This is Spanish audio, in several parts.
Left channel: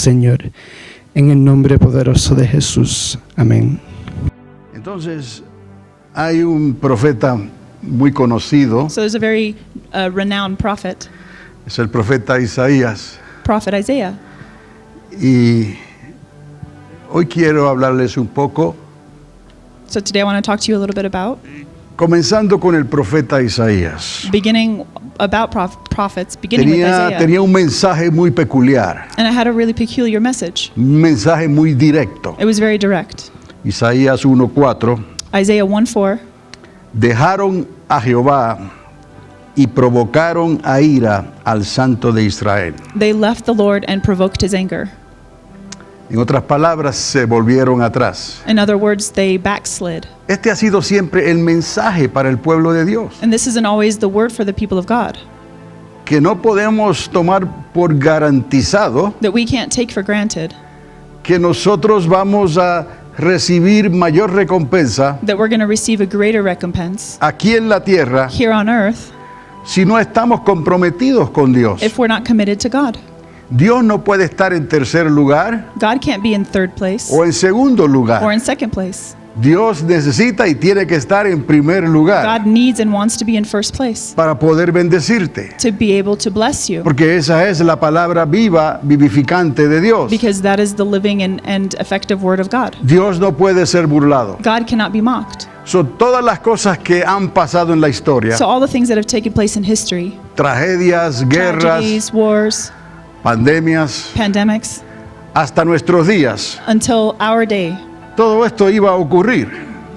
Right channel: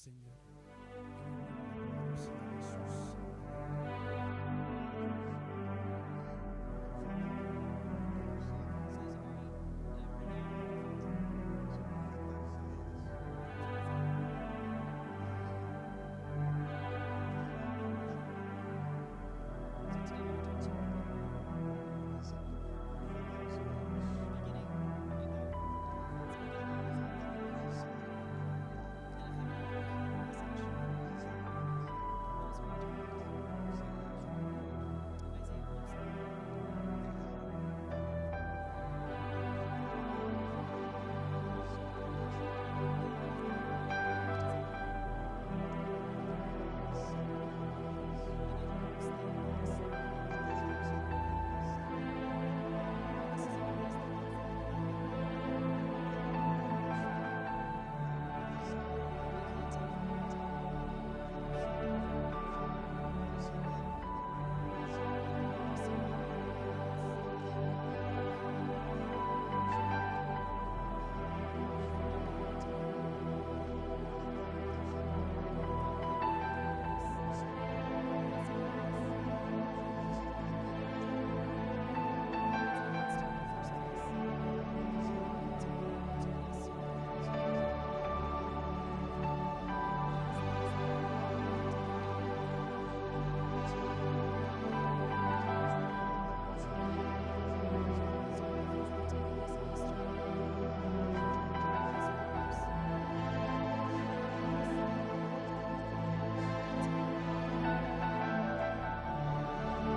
Señor, en el nombre poderoso de Jesús. Amén. Entonces, hay un profeta muy conocido, So there's a very renowned prophet, es el profeta Isaías, Prophet Isaiah. y hoy quiero hablarles un poco, So today I want to talk to you a little bit about comenzando con el profeta Isaías. beginning about prophets, beginning with Isaiah. Tenía un mensaje muy peculiar, And it had a really peculiar message. un mensaje muy directo. It was very direct. Isaías 1:4, Isaiah 1:4. dejaron a Jehová y provocaron a ira al Santo de Israel. They left the Lord and provoked his anger. En otras palabras, se volvieron atrás. In other words, they backslid. Este ha sido siempre el mensaje para el pueblo de Dios, And this isn't always the word for the people of God, que no podemos tomar por garantizado that we can't take for granted que nosotros vamos a recibir mayor recompensa that we're going to receive a greater recompense aquí en la tierra here on earth si no estamos comprometidos con Dios. if we're not committed to God. Dios no puede estar en tercer lugar God can't be in third place o en segundo or lugar. in second place. Dios necesita y tiene que estar en primer lugar God needs and wants to be in first place para poder bendecirte, to be able to bless you, porque esa es la palabra viva, vivificante de Dios. because that is the living and effective word of God. Dios no puede ser burlado. God cannot be mocked. Son todas las cosas que han pasado en la historia, So all the things that have taken place in history, tragedias, guerras, tragedies, wars, pandemias, pandemics, hasta nuestros días, until our day, todo esto iba a ocurrir,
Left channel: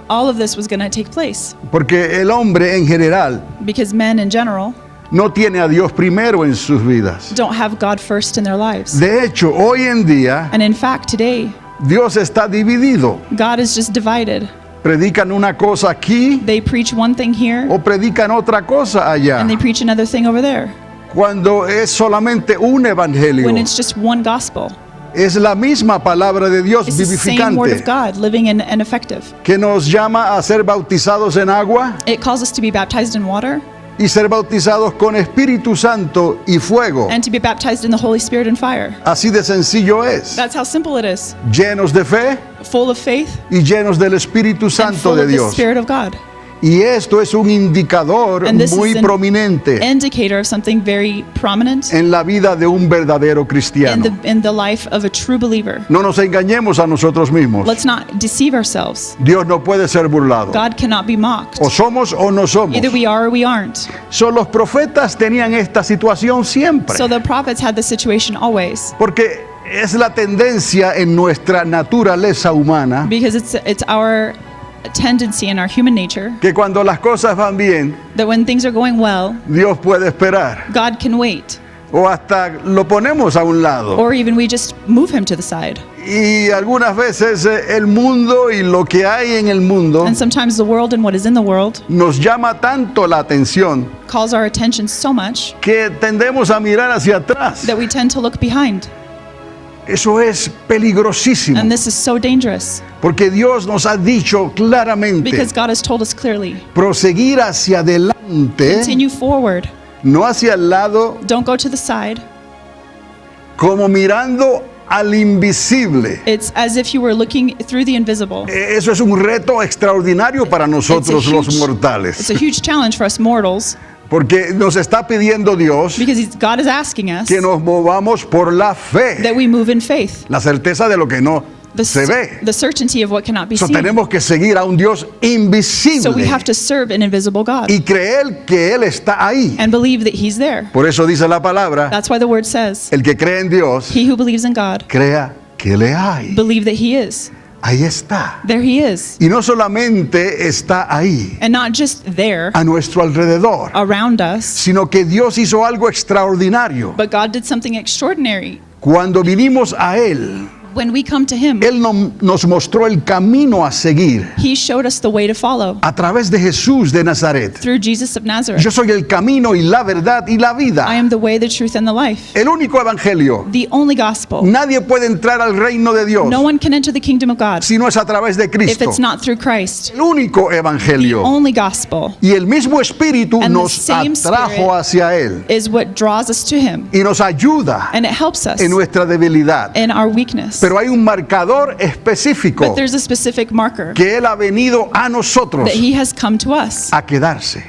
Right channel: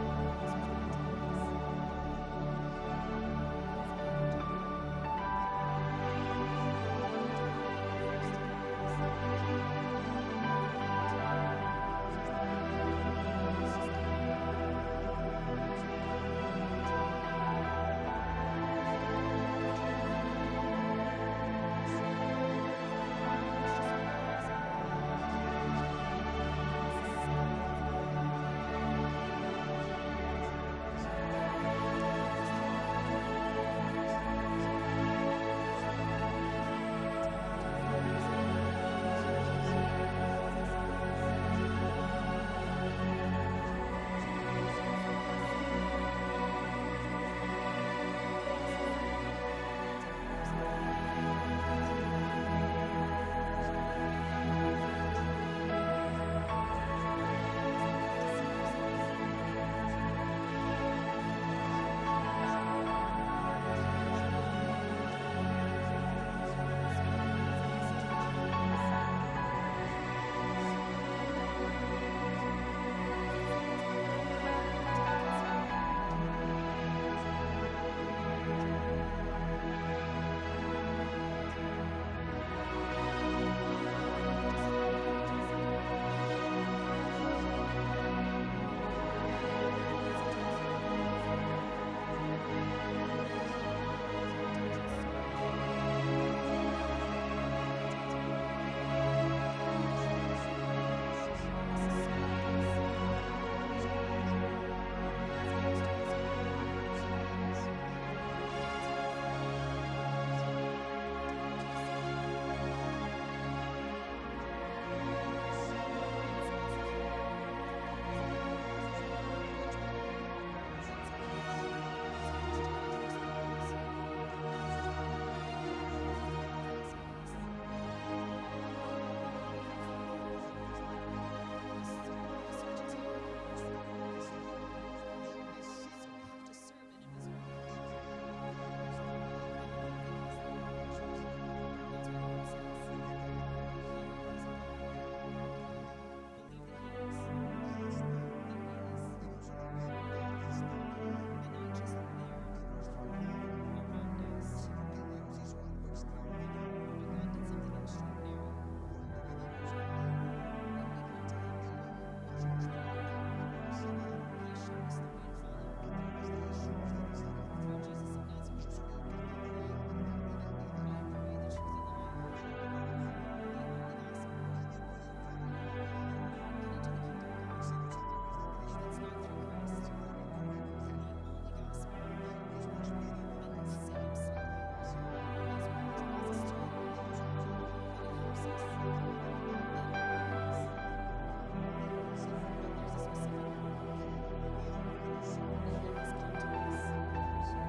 all of this was going to take place, porque el hombre en general because men in general no tiene a Dios primero en sus vidas. don't have God first in their lives. De hecho, hoy en día, And in fact, today, Dios está dividido. God is just divided. Predican una cosa aquí They preach one thing here, o predican otra cosa allá, and they preach another thing over there, cuando es solamente un evangelio. when it's just one gospel. Es la misma palabra de Dios It's the same word of vivificante God, living and effective. que nos llama a ser bautizados en agua It calls us to be baptized in water y ser bautizados con Espíritu Santo y fuego. and to be baptized in the Holy Spirit and fire. Así de sencillo es. That's how simple it is. Llenos de fe Full of faith y llenos del Espíritu and Santo full de of the Dios. Spirit of God. Y esto es un indicador And this muy is an prominente indicator of something very prominent en la vida de un verdadero cristiano. in the life of a true believer. No nos engañemos a nosotros mismos. Let's not deceive ourselves. Dios no puede ser burlado. God cannot be mocked. O somos o no somos. Either we are or we aren't. So, los profetas tenían esta situación siempre. So the prophets had this situation always, Porque es la tendencia en nuestra naturaleza humana because it's our tendency in our human nature que cuando las cosas van bien, that when things are going well, Dios puede esperar. God can wait, O hasta lo ponemos a un lado. or even we just move him to the side. Y algunas veces el mundo y lo que hay en el mundo And sometimes the world and what is in the world nos llama tanto la atención calls our attention so much que tendemos a mirar hacia atrás. that we tend to look behind. Eso es peligrosísimo, And this is so dangerous, porque Dios nos ha dicho claramente because God has told us clearly, proseguir hacia adelante, continue forward. no hacia el lado, Don't go to the side. como mirando al invisible. It's as if you were looking through the invisible. Eso es un reto extraordinario para nosotros los It's mortales, a huge challenge for us mortals, porque nos está pidiendo Dios because God is asking us que nos movamos por la fe, that we move in faith, la certeza de lo que no se ve. the certainty of what cannot be So, seen. tenemos que seguir a un Dios So we invisible have to serve an invisible God y creer que Él está ahí. and believe that He's there. Por eso dice la palabra, That's why the word says, el que cree en Dios, he who believes in God, crea que le hay. believe that He is. Ahí está. There He is. Y no solamente está ahí, And not just there, a nuestro alrededor, around us, sino que Dios hizo algo extraordinario. but God did something extraordinary. Cuando vinimos a Él, When we come to him, Él nos mostró el camino a seguir he showed us the way to follow a través de Jesús de Nazaret. through Jesus of Nazareth. Yo soy el camino y la verdad y la vida. I am the way, the truth, and the life. El único evangelio. The only gospel. Nadie puede entrar al reino de Dios No one can enter the kingdom of God si no es a través de if Cristo. it's not through Christ. El único The evangelio. only gospel Y el mismo Espíritu And the nos same atrajo hacia Él is what draws us to him, y nos ayuda and it helps us en nuestra debilidad. in our weakness. Pero hay un marcador específico But there's a specific marker que Él ha venido a nosotros that he has come to us a quedarse.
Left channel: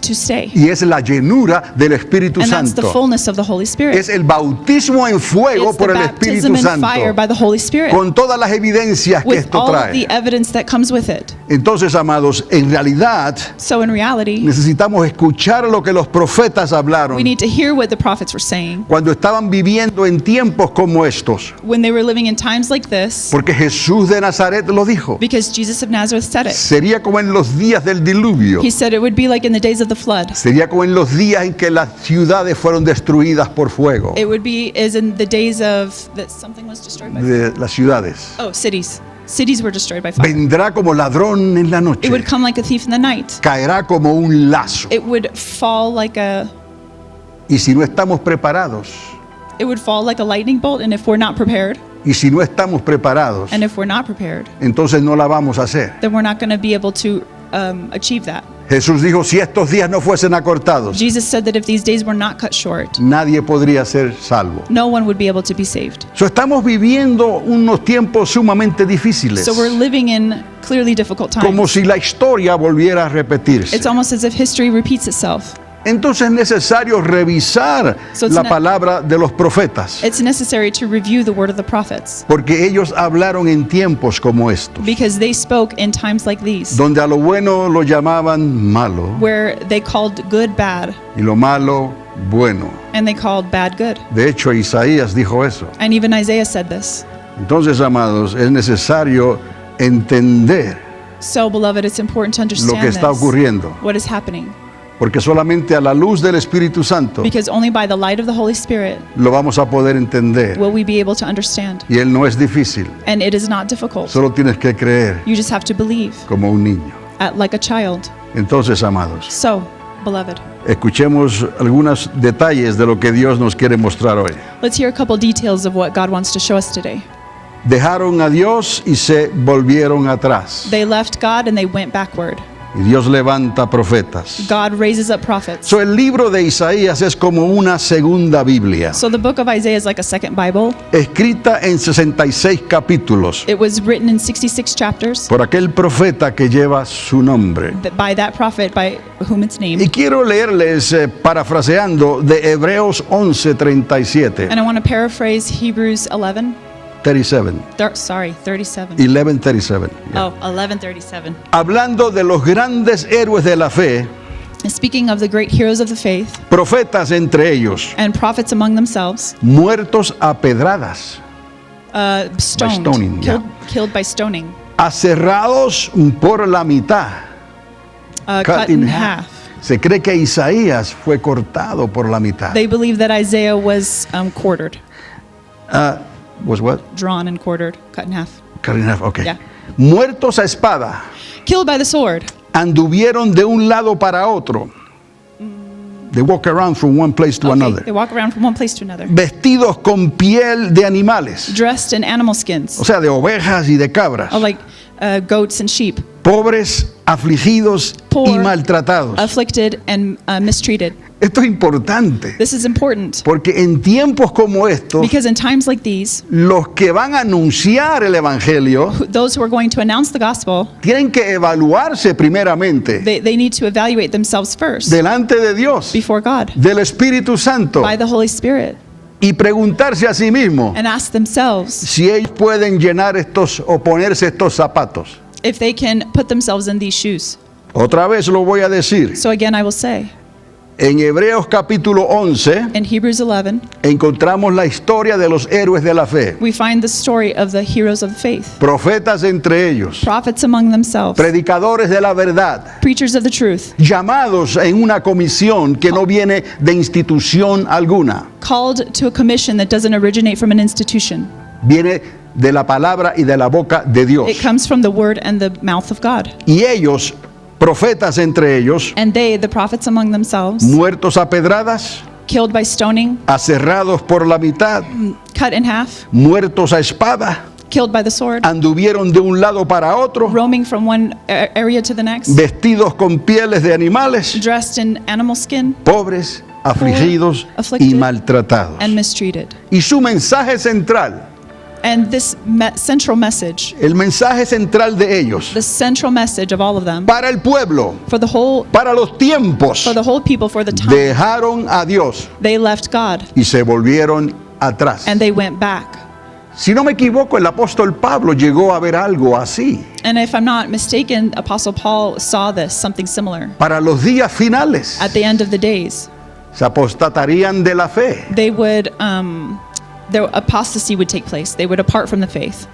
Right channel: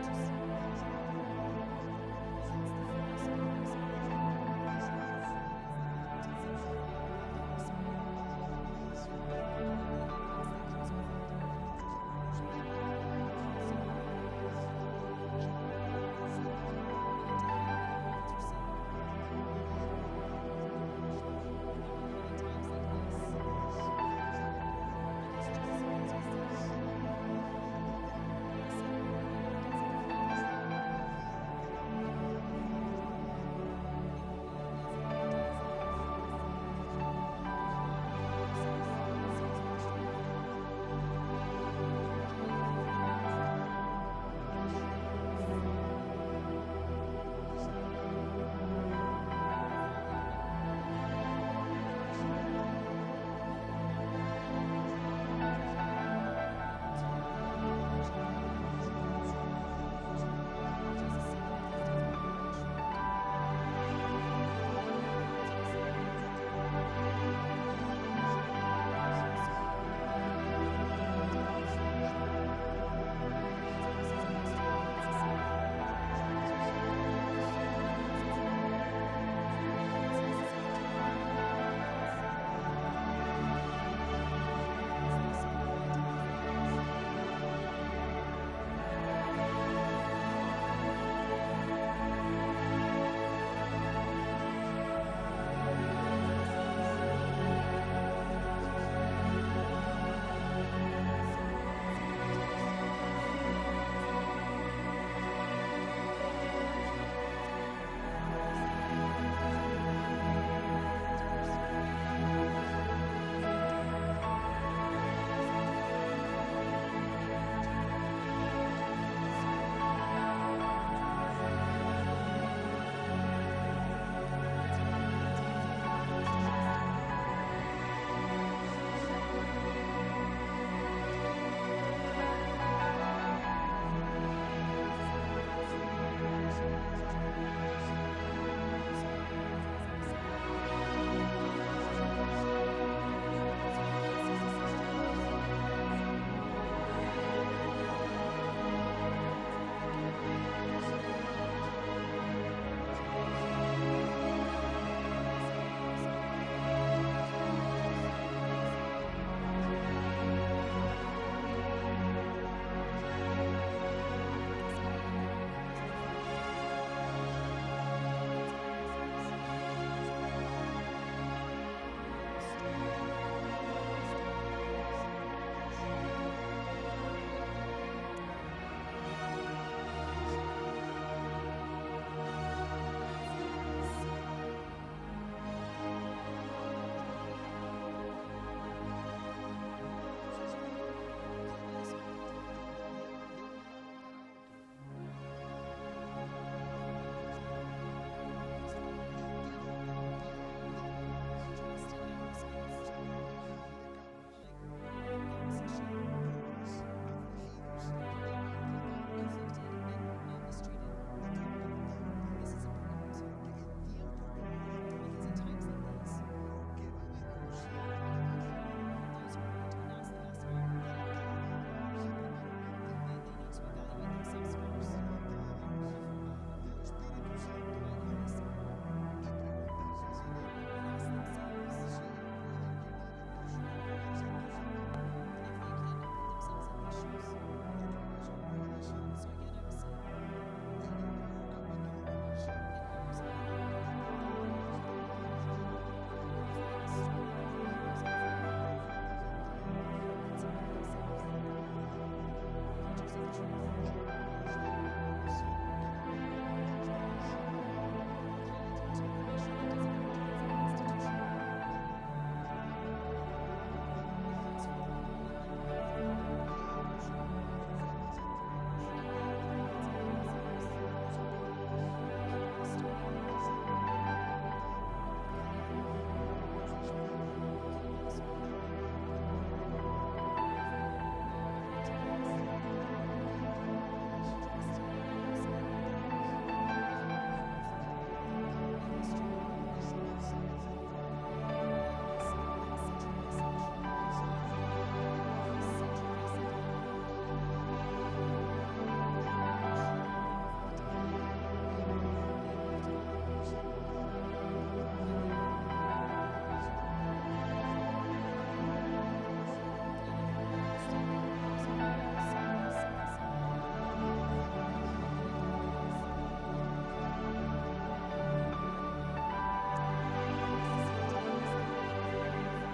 to stay. Y es la llenura del Espíritu And that's the Santo. fullness of the Holy Spirit. Es el bautismo en fuego It's the por el Espíritu baptism in fire Santo. by the Holy Spirit, Con todas las evidencias que with esto all of the trae. evidence that comes with it. Entonces, amados, en realidad So in reality, necesitamos escuchar lo que los profetas hablaron we need to hear what the prophets were saying cuando estaban viviendo en tiempos como estos. when they were living in times like this, Porque Jesús de Nazaret lo dijo. because Jesus of Nazareth said it. Sería como en los días del diluvio. He said it would be like in the days of the flood. Sería como en los días en que las ciudades fueron destruidas por fuego. It would be as in the days of that something was destroyed by fire. De las ciudades. Oh, cities. Cities were destroyed by fire. Vendrá como ladrón en la noche. It would come like a thief in the night. Caerá como un lazo. It would fall like a Y si no estamos preparados, lightning bolt, and if we're not prepared, y si no estamos preparados, and if we're not prepared, entonces no la vamos a hacer. then we're not going to be able to achieve that. Jesús dijo, si estos días no fuesen acortados, Jesus said that if these days were not cut short, nadie podría ser salvo. no one would be able to be saved. So, estamos viviendo unos tiempos sumamente difíciles, So we're living in clearly difficult como times. si la historia volviera a repetirse. It's almost as if history repeats itself. Entonces es necesario revisar So it's la not- palabra de los profetas, It's necessary to review the word of the prophets porque ellos hablaron en tiempos como estos, because they spoke in times like these, donde a lo bueno lo llamaban malo where they called good bad y lo malo bueno. and they called bad good. De hecho, Isaías dijo eso. And even Isaiah said this. Entonces, amados, es necesario entender So, beloved, it's important to lo understand que está this, ocurriendo, what is happening, porque solamente a la luz del Espíritu Santo because only by the light of the Holy Spirit lo vamos a poder entender. will we be able to understand. Y Él no es difícil, And it is not difficult. solo tienes que creer You just have to believe como un niño. like a child. Entonces, amados, So, beloved, escuchemos algunos detalles de lo que Dios nos quiere mostrar hoy. let's hear a couple details of what God wants to show us today. Dejaron a Dios y se volvieron atrás. They left God and they went backward. Y Dios levanta profetas. God raises up prophets. So, el libro de Isaías es como una segunda Biblia, So the book of Isaiah is like a second Bible. escrita en 66 capítulos It was written in 66 chapters por aquel profeta que lleva su nombre. by that prophet by whom it's Y named. quiero leerles, parafraseando, de Hebreos 11:37. And I want to paraphrase Hebrews 11. 37. 37. 11:37. Oh, 11:37. Hablando de los grandes héroes de la fe, And speaking of the great heroes of the faith profetas entre ellos, and prophets among themselves, muertos a pedradas, stoned, stoning, yeah. killed by stoning, aserrados por la mitad, cut in half. Se cree que Isaías fue cortado por la mitad. They believe that Isaiah was quartered, Was what? drawn and quartered, cut in half. Cut in half, okay. Yeah. Muertos a espada, Killed by the sword. anduvieron de un lado para otro. They walk around from one place to Okay, another. they walk around from one place to another. Vestidos con piel de animales, Dressed in animal skins, o sea, de ovejas y de cabras. like goats and sheep. Pobres, afligidos Poor, y maltratados. Afflicted and mistreated. Esto es importante, This is important porque en tiempos como estos, because in times like these, los que van a anunciar el Evangelio those who are going to announce the gospel, tienen que evaluarse primeramente they need to evaluate themselves first delante de Dios, before God del Espíritu Santo, by the Holy Spirit y preguntarse a sí mismos and ask themselves si ellos pueden llenar estos o ponerse estos zapatos. if they can put themselves in these shoes. Otra vez lo voy a decir. So again, I will say, En Hebreos capítulo 11 in Hebrews 11, encontramos la historia de los héroes de la fe, we find the story of the heroes of the faith, profetas entre ellos, prophets among themselves, predicadores de la verdad, preachers of the truth, llamados en una comisión que no viene de institución alguna, called to a commission that doesn't originate from an institution. viene de la palabra y de la boca de Dios. It comes from the word and the mouth of God. Y ellos, profetas entre ellos, And they, the prophets among themselves, muertos a pedradas, killed by stoning, aserrados por la mitad, cut in half, muertos a espada, killed by the sword, anduvieron de un lado para otro, roaming from one area to the next, vestidos con pieles de animales, dressed in animal skin, pobres, afligidos y afflicted, maltratados. and mistreated. Y su mensaje central, And this central message, el mensaje central de ellos, the central message of all of them, para el pueblo, for the whole para los tiempos, people, for the time, dejaron a Dios they left God y se volvieron atrás. and they went back. Si no me equivoco, el apóstol Pablo llegó a ver algo así And if I'm not mistaken, Apostle Paul saw this, something similar. para los días finales. At the end of the days, Se apostatarían de la fe. they would, their apostasy would take place. They would depart from the faith.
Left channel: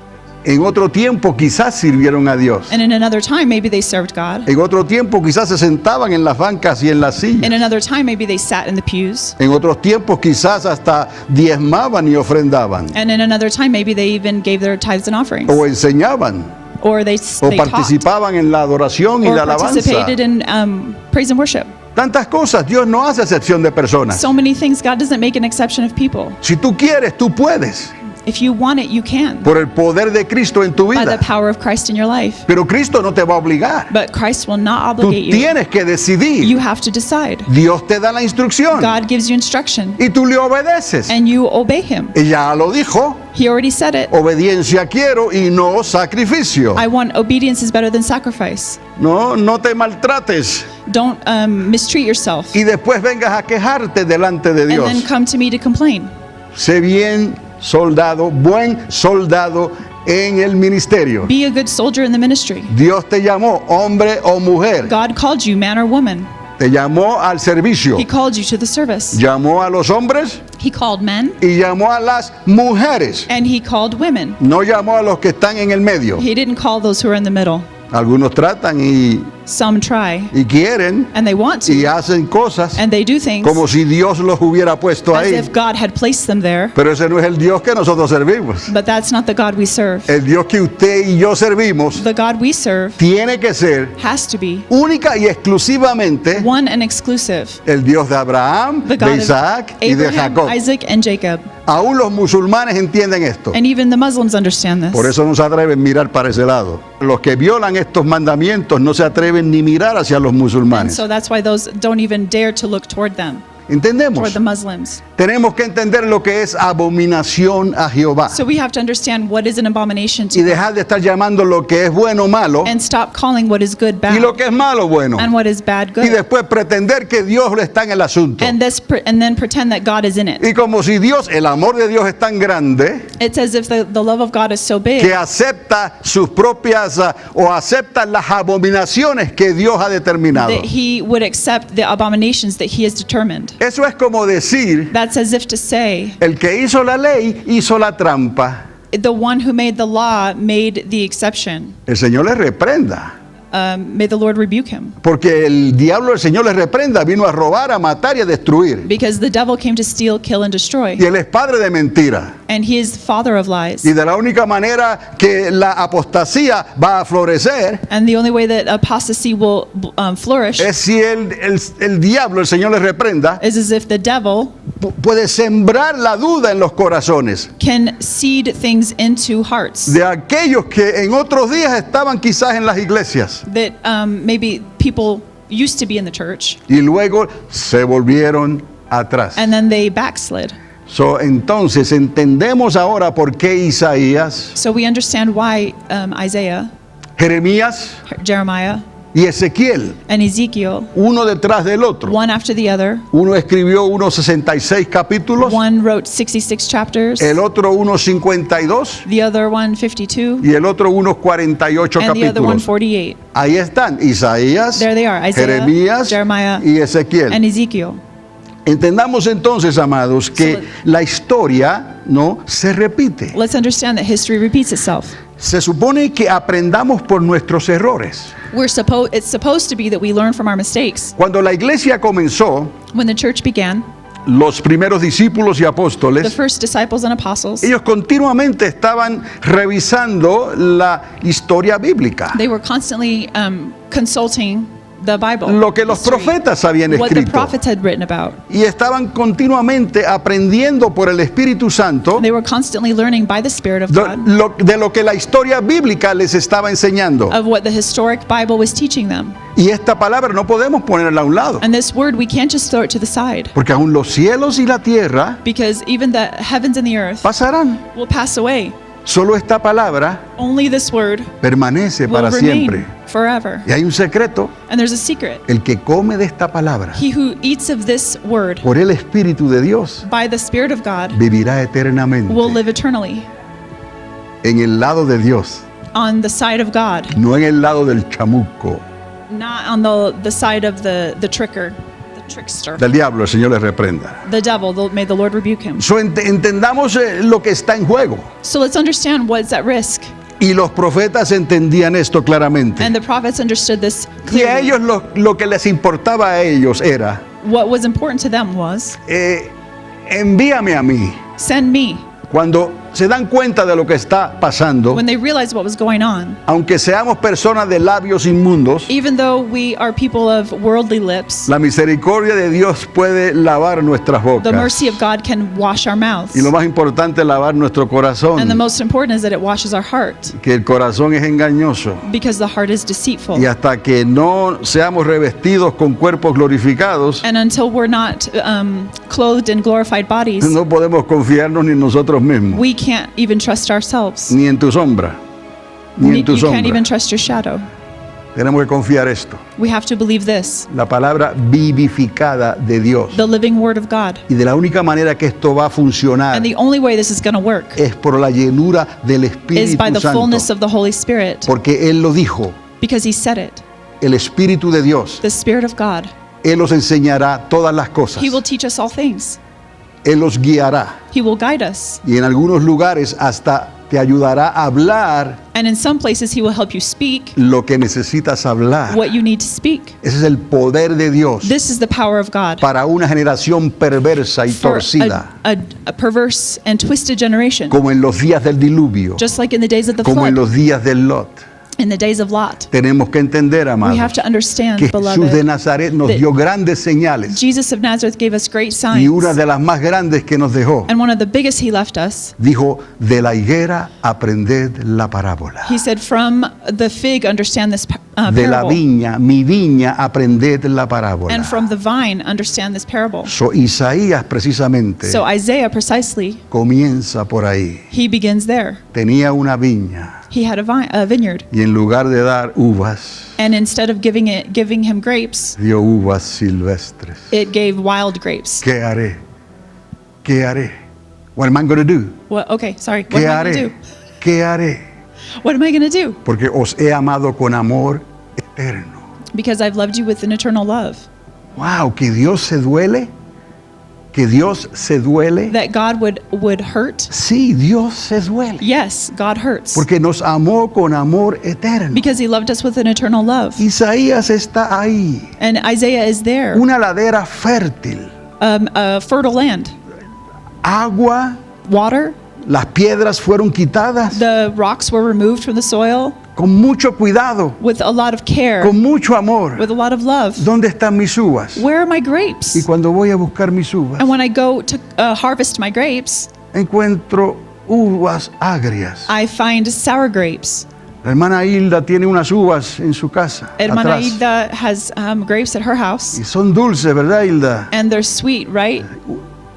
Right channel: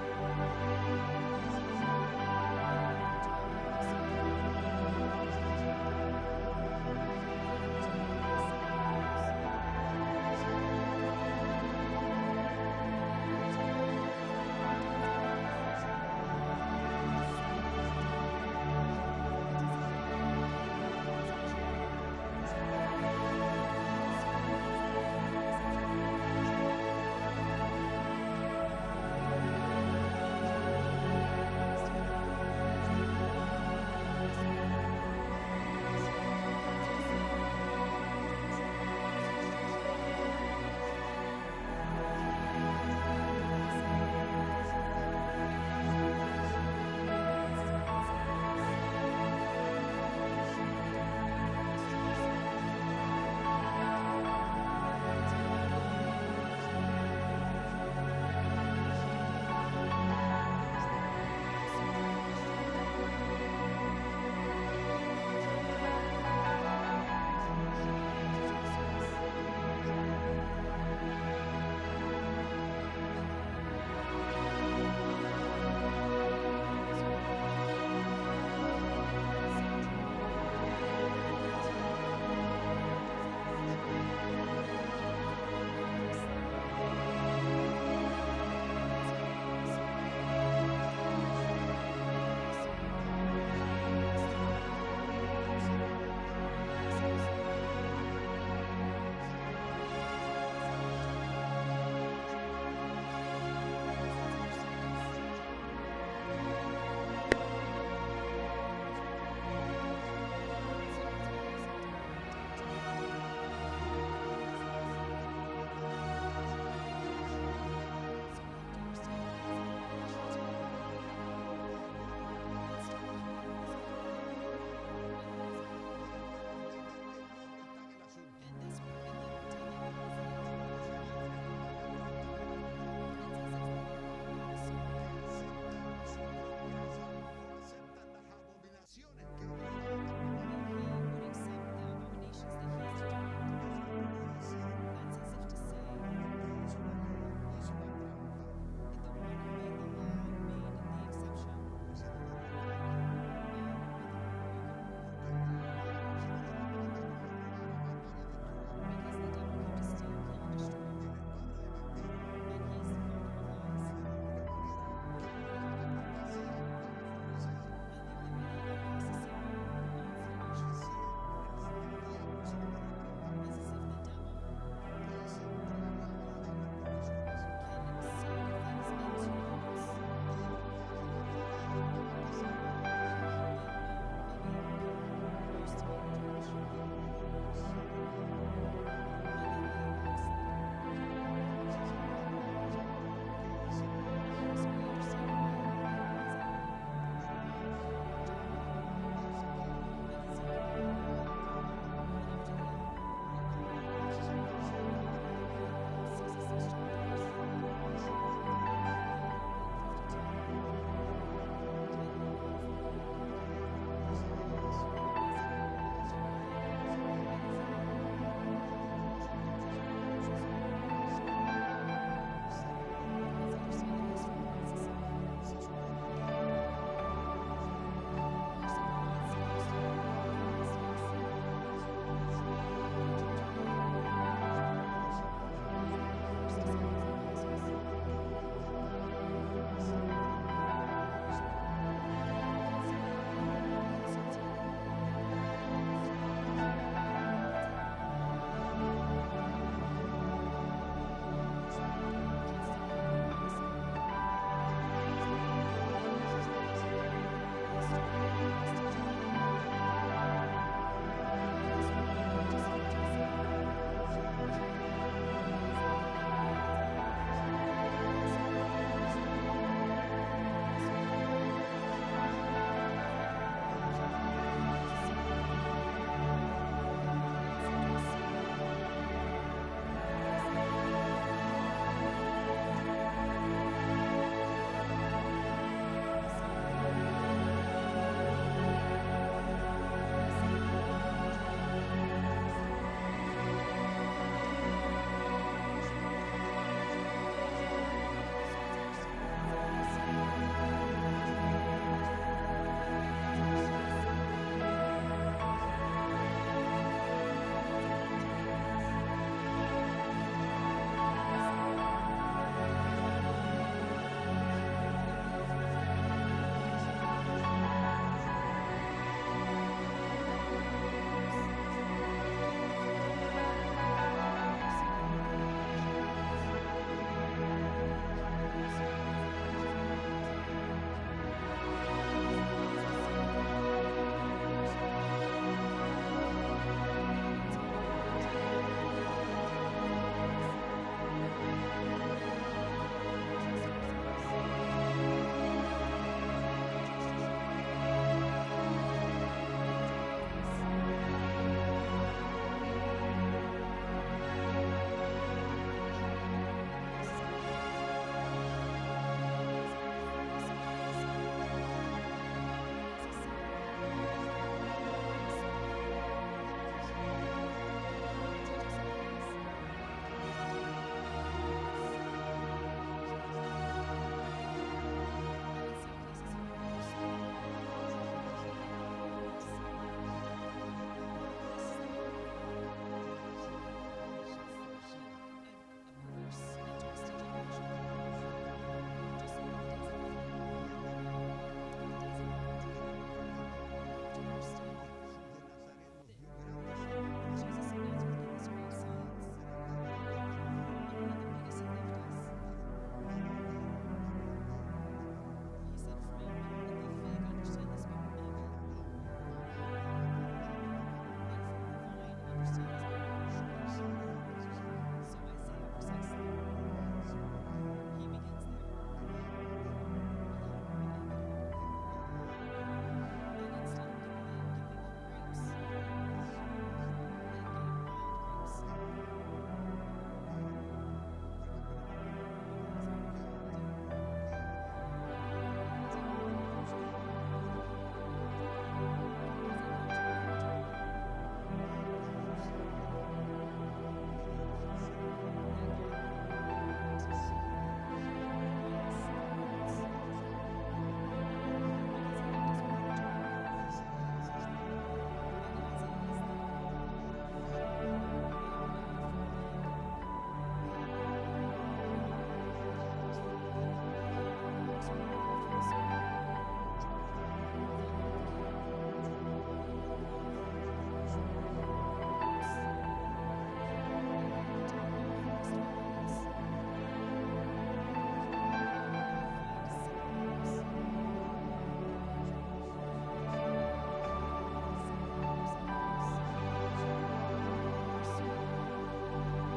En otro tiempo quizás sirvieron a Dios. And in another time, maybe they served God. En otro tiempo quizás se sentaban en las bancas y en las In sillas. another time, maybe they sat in the pews. En otros tiempos quizás hasta diezmaban y ofrendaban. And in another time, maybe they even gave their tithes and offerings. O enseñaban. Or they O taught. participaban en la adoración y Or la alabanza. participated in praise and worship. Tantas cosas. Dios no hace excepción de personas. So many things. God doesn't make an exception of people. Si tú quieres, tú puedes. If you want it, you can. Por el poder de Cristo en tu By the vida. power of Christ in your life. Pero Cristo no te va a obligar. But Christ will not Tú obligate you. tienes que decidir. You have to decide. Dios te da la instrucción God gives you instruction y tú le obedeces. and you obey him. Y ya lo dijo. He already said it. Obediencia quiero y no sacrificio. I want obedience is better than sacrifice. No te maltrates Don't mistreat yourself y después vengas a quejarte delante de and then Dios. come to me to complain. Sé bien soldado, buen soldado en el ministerio. Be a good soldier in the ministry. Dios te llamó, hombre o mujer. God called you, man or woman. Te llamó al servicio. He called you to the service. Llamó a los hombres He called men y llamó a las mujeres. and he called women. No llamó a los que están en el medio. He didn't call those who are in the middle. Algunos tratan Some try y quieren and they want y to hacen cosas and they do things como si Dios los hubiera puesto as ahí. if God had placed them there. Pero ese no es el Dios que nosotros servimos. But that's not the God we serve. El Dios que usted y yo servimos The God we serve tiene que ser has to be única y exclusivamente one and exclusive. el Dios de Abraham, The de God of Isaac y de Abraham, Jacob. Isaac, and Jacob. Aún los musulmanes entienden esto. And even the Muslims understand this. Por eso no se atreven a mirar para ese lado. Los que violan estos mandamientos no se atreven ni mirar hacia los And musulmanes. so that's why those don't even dare to look toward them, toward ¿Entendemos? the Muslims. Tenemos que entender lo que es abominación a Jehová So we have to understand what is an abomination y to dejar de estar llamando lo que es bueno malo and stop calling what is good y lo bad que es malo bueno. and what is bad Y good. después pretender que Dios está en el asunto. And then pretend that God is in it. Y como si Dios, el amor de Dios es tan grande It's as if the love of God is so big que acepta sus propias o acepta las abominaciones que Dios ha determinado. that he would accept the abominations that he has determined. Eso es como decir, That's as if to say, el que hizo la ley hizo la trampa. the one who made the law made the exception. El Señor le reprenda. May the Lord rebuke him. Porque el diablo, el Señor le reprenda, vino a robar, a matar y a destruir. Because the devil came to steal, kill, and destroy. Y él es padre de mentira. And he is father of lies. Y de la única manera que la apostasía va a florecer And the only way that apostasy will flourish es si el diablo, el Señor le reprenda, is as if the devil puede sembrar la duda en los corazones can seed things into hearts de aquellos que en otros días estaban quizás en las iglesias that maybe people used to be in the church y luego se volvieron atrás. and then they backslid. Entonces entendemos ahora por qué Isaías, So we understand why Isaiah, Jeremías Jeremiah, y Ezequiel, and Ezekiel, uno detrás del otro. one after the other, Uno escribió unos 66 capítulos, one wrote 66 chapters, el otro unos 52 the other one 52, y el otro unos 48 and the other one capítulos. 48. Ahí están Isaías, There they are, Isaiah, Jeremías Jeremiah, y Ezequiel. and Ezekiel. Entendamos entonces, amados, que la historia no se repite. Let's understand that history repeats itself. Se supone que aprendamos por nuestros errores. It's supposed to be that we learn from our mistakes. Cuando la iglesia comenzó, When the church began, los primeros discípulos y the apóstoles, first disciples and apostles, ellos continuamente estaban revisando la historia bíblica, they were constantly consulting the Bible, lo que los history, profetas habían what the escrito, prophets had written about. y estaban continuamente aprendiendo por el Espíritu Santo They were constantly learning by the Spirit of de God de lo que la historia bíblica les estaba enseñando. of what the historic Bible was teaching them. Y esta palabra no podemos ponerla a un lado, And this word, we can't just throw it to the side, porque aún los cielos y la tierra because even the heavens and the earth pasarán. will pass away. Solo esta palabra Only this word permanece will para remain siempre. forever. Y hay un secreto: And there's a secret. el que come de esta palabra He who eats of this word por el Espíritu de Dios by the Spirit of God vivirá eternamente will live eternally en el lado de Dios, on the side of God, no en el lado del chamuco, not on the side of the tricker, the trickster, del diablo. El Señor les reprenda. the devil. May the Lord rebuke him. So, entendamos lo que está en juego. So let's understand what's at risk. Y los profetas entendían esto claramente. And the prophets understood this Y a clearly. ellos lo que les importaba a ellos era, What was important to them was, envíame a mí. send me. Cuando se dan cuenta de lo que está pasando, When they realized what was going on, aunque seamos personas de labios inmundos, even though we are people of worldly lips, la misericordia de Dios puede lavar nuestras the bocas. mercy of God can wash our mouths. Y lo más importante, lavar nuestro And the corazón, most important is that it washes our heart, que el corazón es engañoso. because the heart is deceitful. Y hasta que no seamos revestidos con cuerpos glorificados, And until we're not clothed in glorified bodies, no podemos confiarnos ni en nosotros mismos, we can't even trust ourselves. ni en tu sombra, ni en tu You can't even sombra. trust your shadow. Tenemos que confiar esto. We have to believe this, La palabra vivificada de Dios. the living word of God. Y de la única manera que esto va a funcionar And the only way this is going to work es por la llenura del is by Espíritu the fullness Santo. of the Holy Spirit, Porque Él lo dijo, because He said it. el Espíritu de Dios, The Spirit of God, Él os enseñará todas las cosas. He will teach us all things. Él os guiará. He will guide us. Y en algunos lugares hasta te ayudará a hablar And in some places, He will help you speak lo que necesitas hablar. what you need to speak. Ese es el poder de Dios This is the power of God para una generación perversa y for torcida, a perverse and twisted generation, como en los días del diluvio, just like in the days of the como en flood, los días del Lot. in the days of Lot. Tenemos que entender, We amados, have to understand, que Jesús de beloved, Nazaret nos that dio grandes señales, Jesus of Nazareth gave us great y una signs. de las más grandes que nos dejó, And one of the biggest He left us, dijo: de la higuera aprended la parábola, He said, from the fig, understand this de la parable. viña, mi viña, aprended la parábola. And from the vine, understand this parable. So, Isaías precisamente So Isaiah precisely, comienza por ahí. he begins there. Tenía una viña, He had a vineyard. y en lugar de dar uvas, And instead of giving him grapes, dio uvas silvestres. it gave wild grapes. ¿Qué haré? ¿Qué haré? What am I going to do? What? Okay, sorry. What ¿Qué am I going to haré? do? ¿Qué haré? What am I going to do? Porque os he amado con amor eterno. Because I've loved you with an eternal love. Wow, que Dios se duele. Que Dios se duele. That God would hurt. Sí, Dios se duele. Yes, God hurts. Porque nos amó con amor eterno. Because He loved us with an eternal love. Isaías está ahí. And Isaiah is there. Una ladera fértil. A fertile land. Agua. Water. Las piedras fueron quitadas The rocks were removed from the soil con mucho cuidado, with a lot of care, con mucho amor. with a lot of love. ¿Dónde están mis uvas? Where are my Y grapes? cuando voy a buscar mis uvas, And when I go to harvest my grapes, encuentro uvas agrias. I find sour grapes. La hermana Hilda tiene unas uvas en su casa, Hermana atrás. Hilda has grapes at her house, Y son dulces, ¿verdad, Hilda? and they're sweet, right?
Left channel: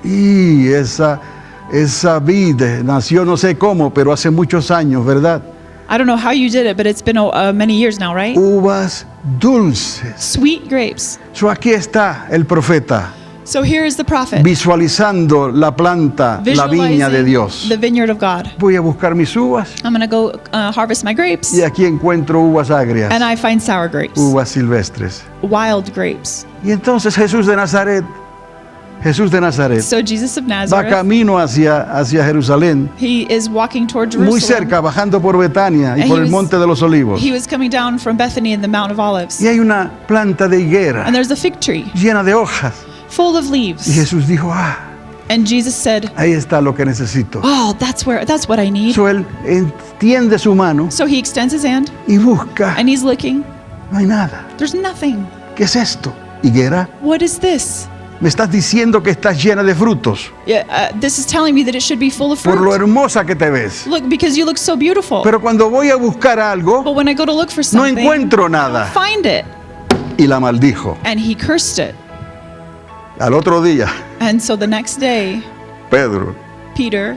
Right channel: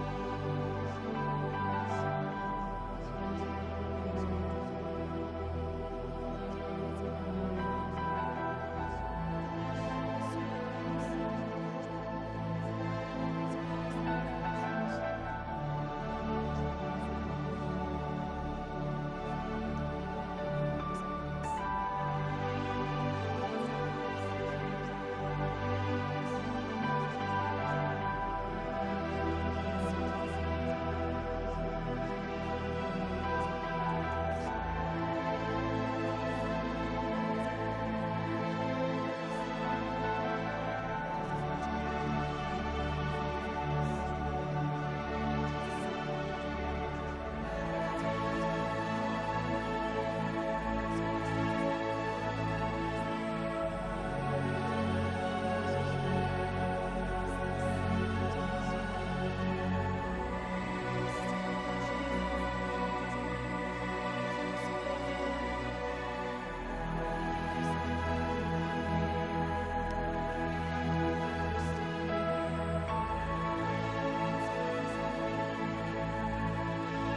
Y esa vid nació no sé cómo, pero hace muchos años, ¿verdad? I don't know how you did it, but it's been many years now, right? Uvas dulces. Sweet grapes. So aquí está el profeta So here is the prophet visualizando la planta, la viña de visualizing Dios. the vineyard of God. Voy a buscar mis uvas I'm going to go harvest my grapes, y aquí encuentro uvas agrias, and I find sour grapes, uvas silvestres. wild grapes. Y entonces Jesús de Nazaret So Jesus of va Nazareth, camino hacia Jerusalén, he is walking toward muy Jerusalem. cerca, bajando por Betania y And por he el was- Monte de los Olivos. He was coming down from Bethany in the Mount of Olives. Y hay una planta de higuera And there's a fig tree llena de hojas. full of Y leaves. Jesús dijo, And Jesus said, ahí está lo que necesito. oh, that's what I need. So él extiende su mano So he extends his hand y busca. and he's looking. No hay nada. There's nothing. ¿Qué es esto? Higuera, What is this? me estás diciendo que estás llena de frutos Yeah, this is telling me that it should be full of por lo fruit. hermosa que te ves. Look, because you look so beautiful. Pero cuando voy a buscar algo, But when I go to look for no something, encuentro nada. find it. Y la maldijo. And he cursed it. Al otro día, And so the next day, Pedro, Peter,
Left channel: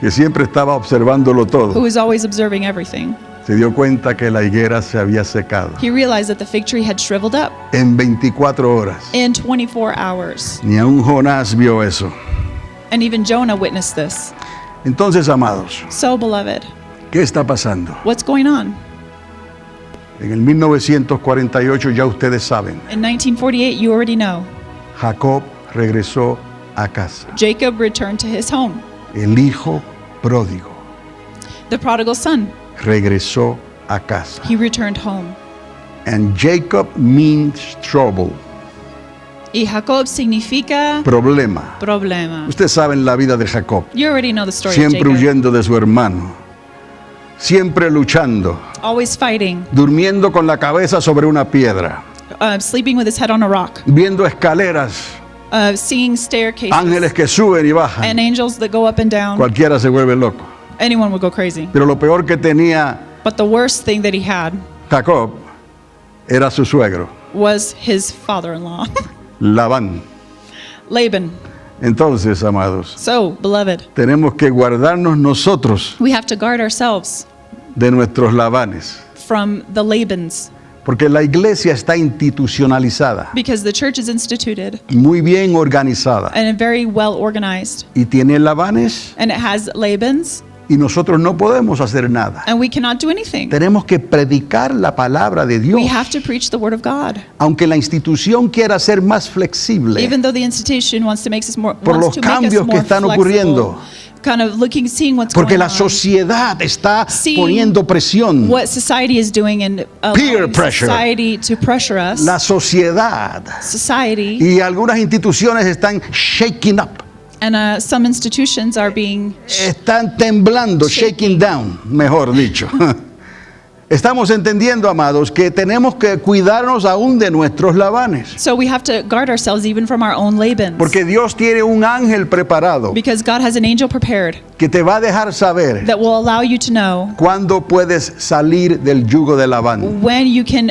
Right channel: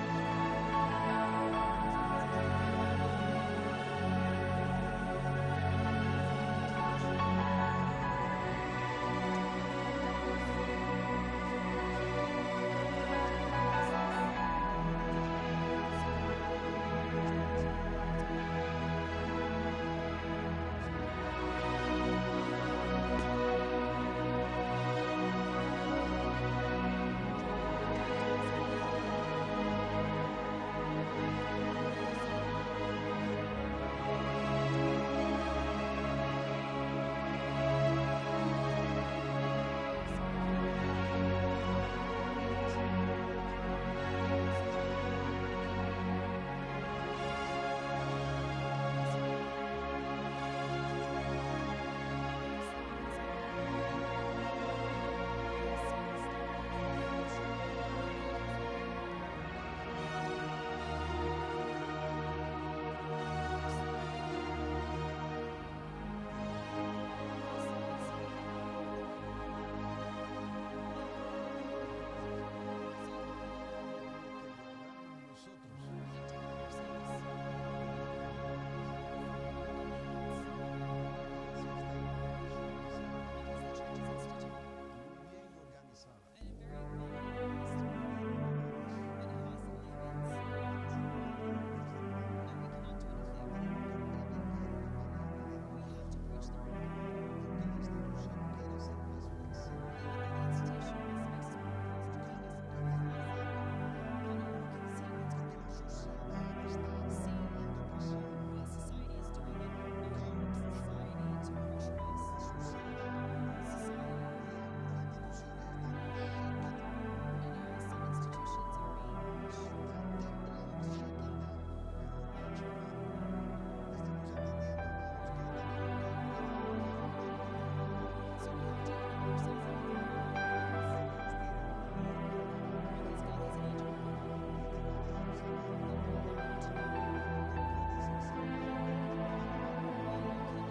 que siempre estaba observándolo who todo, was always observing everything, se dio cuenta que la higuera se había secado. he realized that the fig tree had shriveled up En 24 horas. in 24 hours. Ni aun Jonás vio eso. And even Jonah witnessed this. Entonces, amados, So, beloved, ¿qué está pasando? what's going on? En el 1948 ya ustedes saben, In 1948, you already know, Jacob regresó a casa. Jacob returned to his home. El hijo pródigo The prodigal son, regresó a casa. he returned home. And Jacob means trouble, Y Jacob significa problema. problema. Ustedes saben la vida de Jacob, You already know the story of siempre Jacob. huyendo de su hermano, siempre luchando, Always fighting, durmiendo con la cabeza sobre una piedra, sleeping with his head on a rock, viendo escaleras, seeing staircases ángeles que suben y bajan. and angels that go up and down. Cualquiera se vuelve loco. Anyone would go crazy. Pero lo peor que tenía But the worst thing that he had Jacob era su suegro, was his father-in-law, Labán. Laban. Entonces, amados, So, beloved, tenemos que guardarnos nosotros we have to guard ourselves de nuestros Labanes, from the Labans, porque la iglesia está institucionalizada, because the church is instituted muy bien organizada, and very well organized, y tiene Labanes, and it has Labans, y nosotros no podemos hacer nada. and we cannot do anything. Tenemos que predicar la palabra de Dios, We have to preach the word of God. aunque la institución quiera ser más flexible Even though the institution wants to make us more, por los wants to make us cambios que more están flexible, ocurriendo. kind of looking, seeing what's Porque going la on, sociedad está See poniendo presión. what society is doing, and Peer allowing pressure. society to pressure us. La sociedad Society y algunas instituciones están shaking up, and some institutions are being. están temblando, shaking down, mejor dicho. Estamos entendiendo, amados, que tenemos que cuidarnos aún de nuestros Labanes, So we have to guard ourselves even from our own Labans, porque Dios tiene un ángel preparado because God has an angel prepared que te va a dejar saber that will allow you to know cuándo puedes salir del yugo de Labán. when you can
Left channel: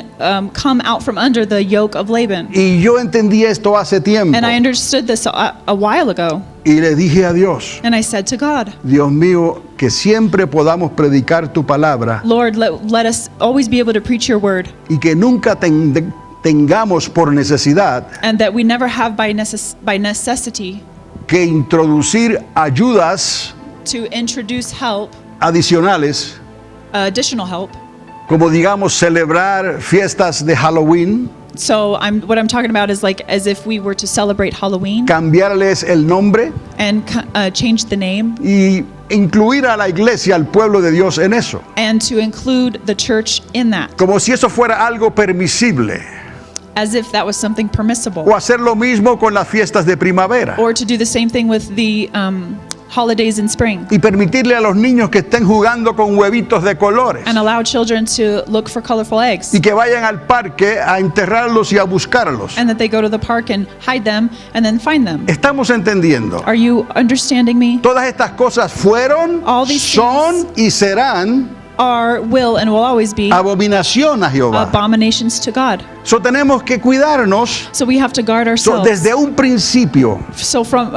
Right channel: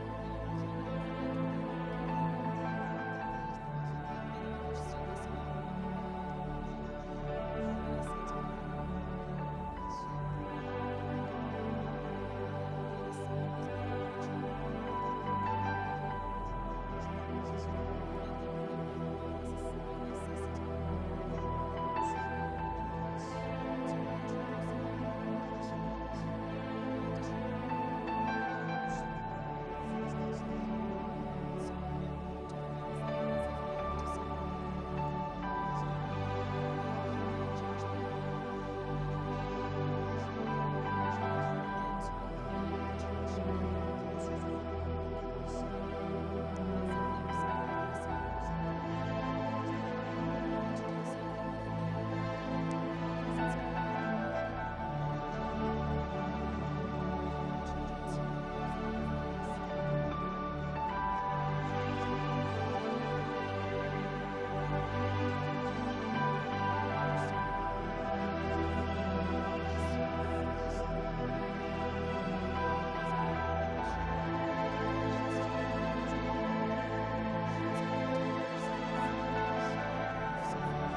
come out from under the yoke of Laban. Y yo entendí esto hace tiempo And I understood this a while ago, y le dije a Dios, and I said to God, Dios mío, que siempre podamos predicar tu palabra Lord, let us always be able to preach your word, y que nunca tengamos por necesidad and that we never have by necessity que introducir ayudas to introduce help, adicionales, additional help. como digamos celebrar fiestas de Halloween, So what I'm talking about is like as if we were to celebrate Halloween cambiarles el nombre and change the name, y incluir a la iglesia, al pueblo de Dios en eso, and to include the church in that, como si eso fuera algo permisible, as if that was something permissible, o hacer lo mismo con las fiestas de primavera or to do the same thing with the holidays in spring, y permitirle a los niños que estén jugando con huevitos de colores and allow children to look for colorful eggs, y que vayan al parque a enterrarlos y a buscarlos. and that they go to the park and hide them and then find them. Estamos entendiendo. Are you understanding me? Todas estas cosas fueron, All these son y serán Are, will, and will always be abominación a Jehová. abominations to God. So tenemos que cuidarnos. So we have to guard So, ourselves. desde un principio, So from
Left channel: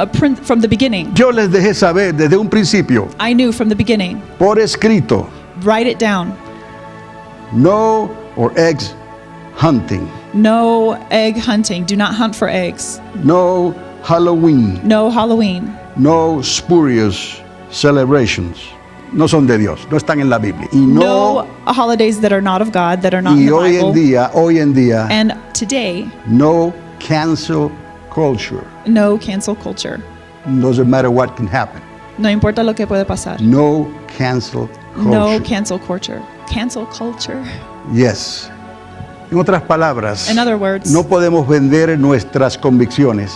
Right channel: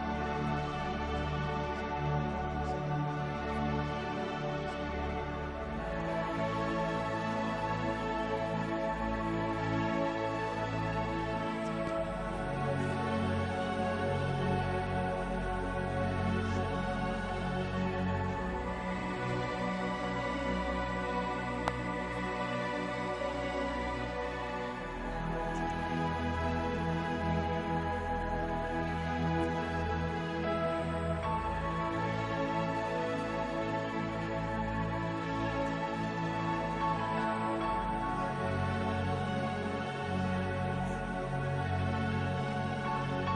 the beginning, yo les dejé saber desde un principio, I knew from the beginning. por escrito, Write it down. no or eggs hunting, No egg hunting. Do not hunt for eggs. no Halloween, No Halloween. no spurious celebrations. No son de Dios, no están en la Biblia. Y No holidays that are not of God, that are not in y the Bible. hoy en día, And today, no cancel culture. no cancel culture. Doesn't matter what can happen. No importa lo que puede pasar. No cancel No culture. cancel culture. Cancel culture. Yes. En otras palabras, In other words, no podemos vender nuestras convicciones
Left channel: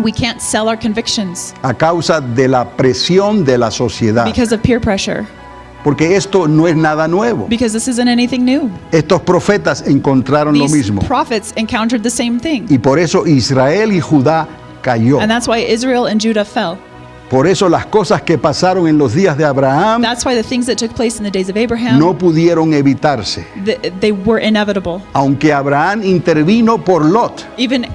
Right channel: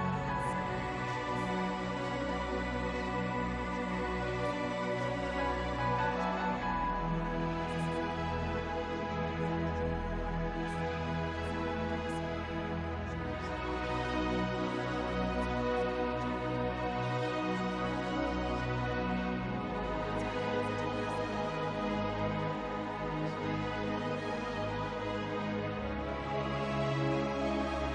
We can't sell our convictions a causa de la presión de la sociedad. because of peer pressure, Porque esto no es nada nuevo. because this isn't anything new. Estos profetas encontraron lo These mismo. prophets encountered the same thing. Y por eso Israel y Judá cayó. And that's why Israel and Judah fell. Por eso las cosas que pasaron en los días de Abraham That's why the things that took place in the days of Abraham, no pudieron evitarse. they were inevitable. Aunque Abraham intervino por Lot, Even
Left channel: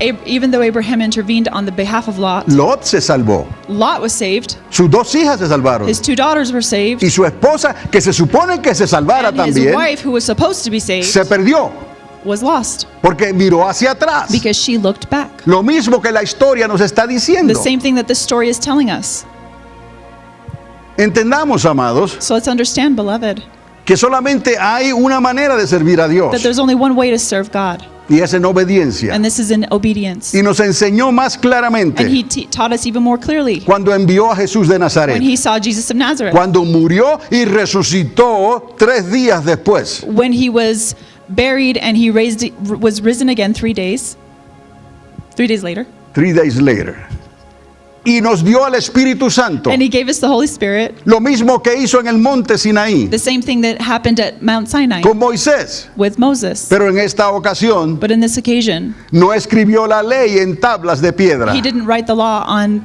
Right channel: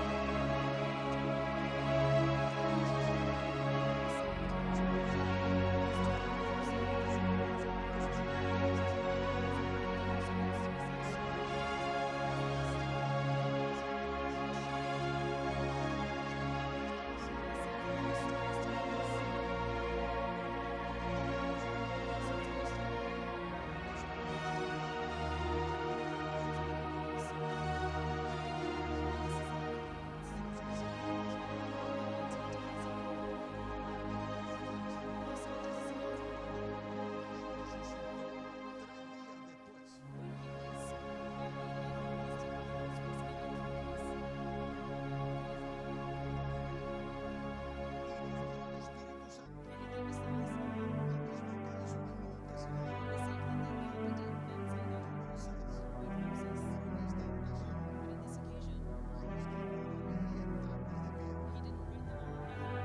though Abraham intervened on the behalf of Lot, Lot se salvó. Lot was saved. Sus dos hijas se salvaron. His 2 daughters were saved. Y su esposa, que se supone que se salvara And his también, wife, who was supposed to be saved, se perdió was lost porque miró hacia atrás. because she looked back. Lo mismo que la historia nos está diciendo. The same thing that this story is telling us. Entendamos, amados, So let's understand, beloved, que solamente hay una manera de servir a that Dios there's only one way to serve God, y es en obediencia. and this is in obedience. Y nos enseñó más And claramente he taught us even more clearly cuando envió a Jesús de when Nazaret, he saw Jesus of Nazareth, cuando murió y resucitó 3 días después. when he was buried and he was risen again 3 days. 3 days later. 3 days later. Y nos dio al Espíritu Santo. And he gave us the Holy Spirit, Lo mismo que hizo en el monte Sinaí the same thing that happened at Mount Sinai con Moisés. with Moses. Pero en esta ocasión But in this occasion, no escribió la ley en tablas de piedra. he didn't write the law on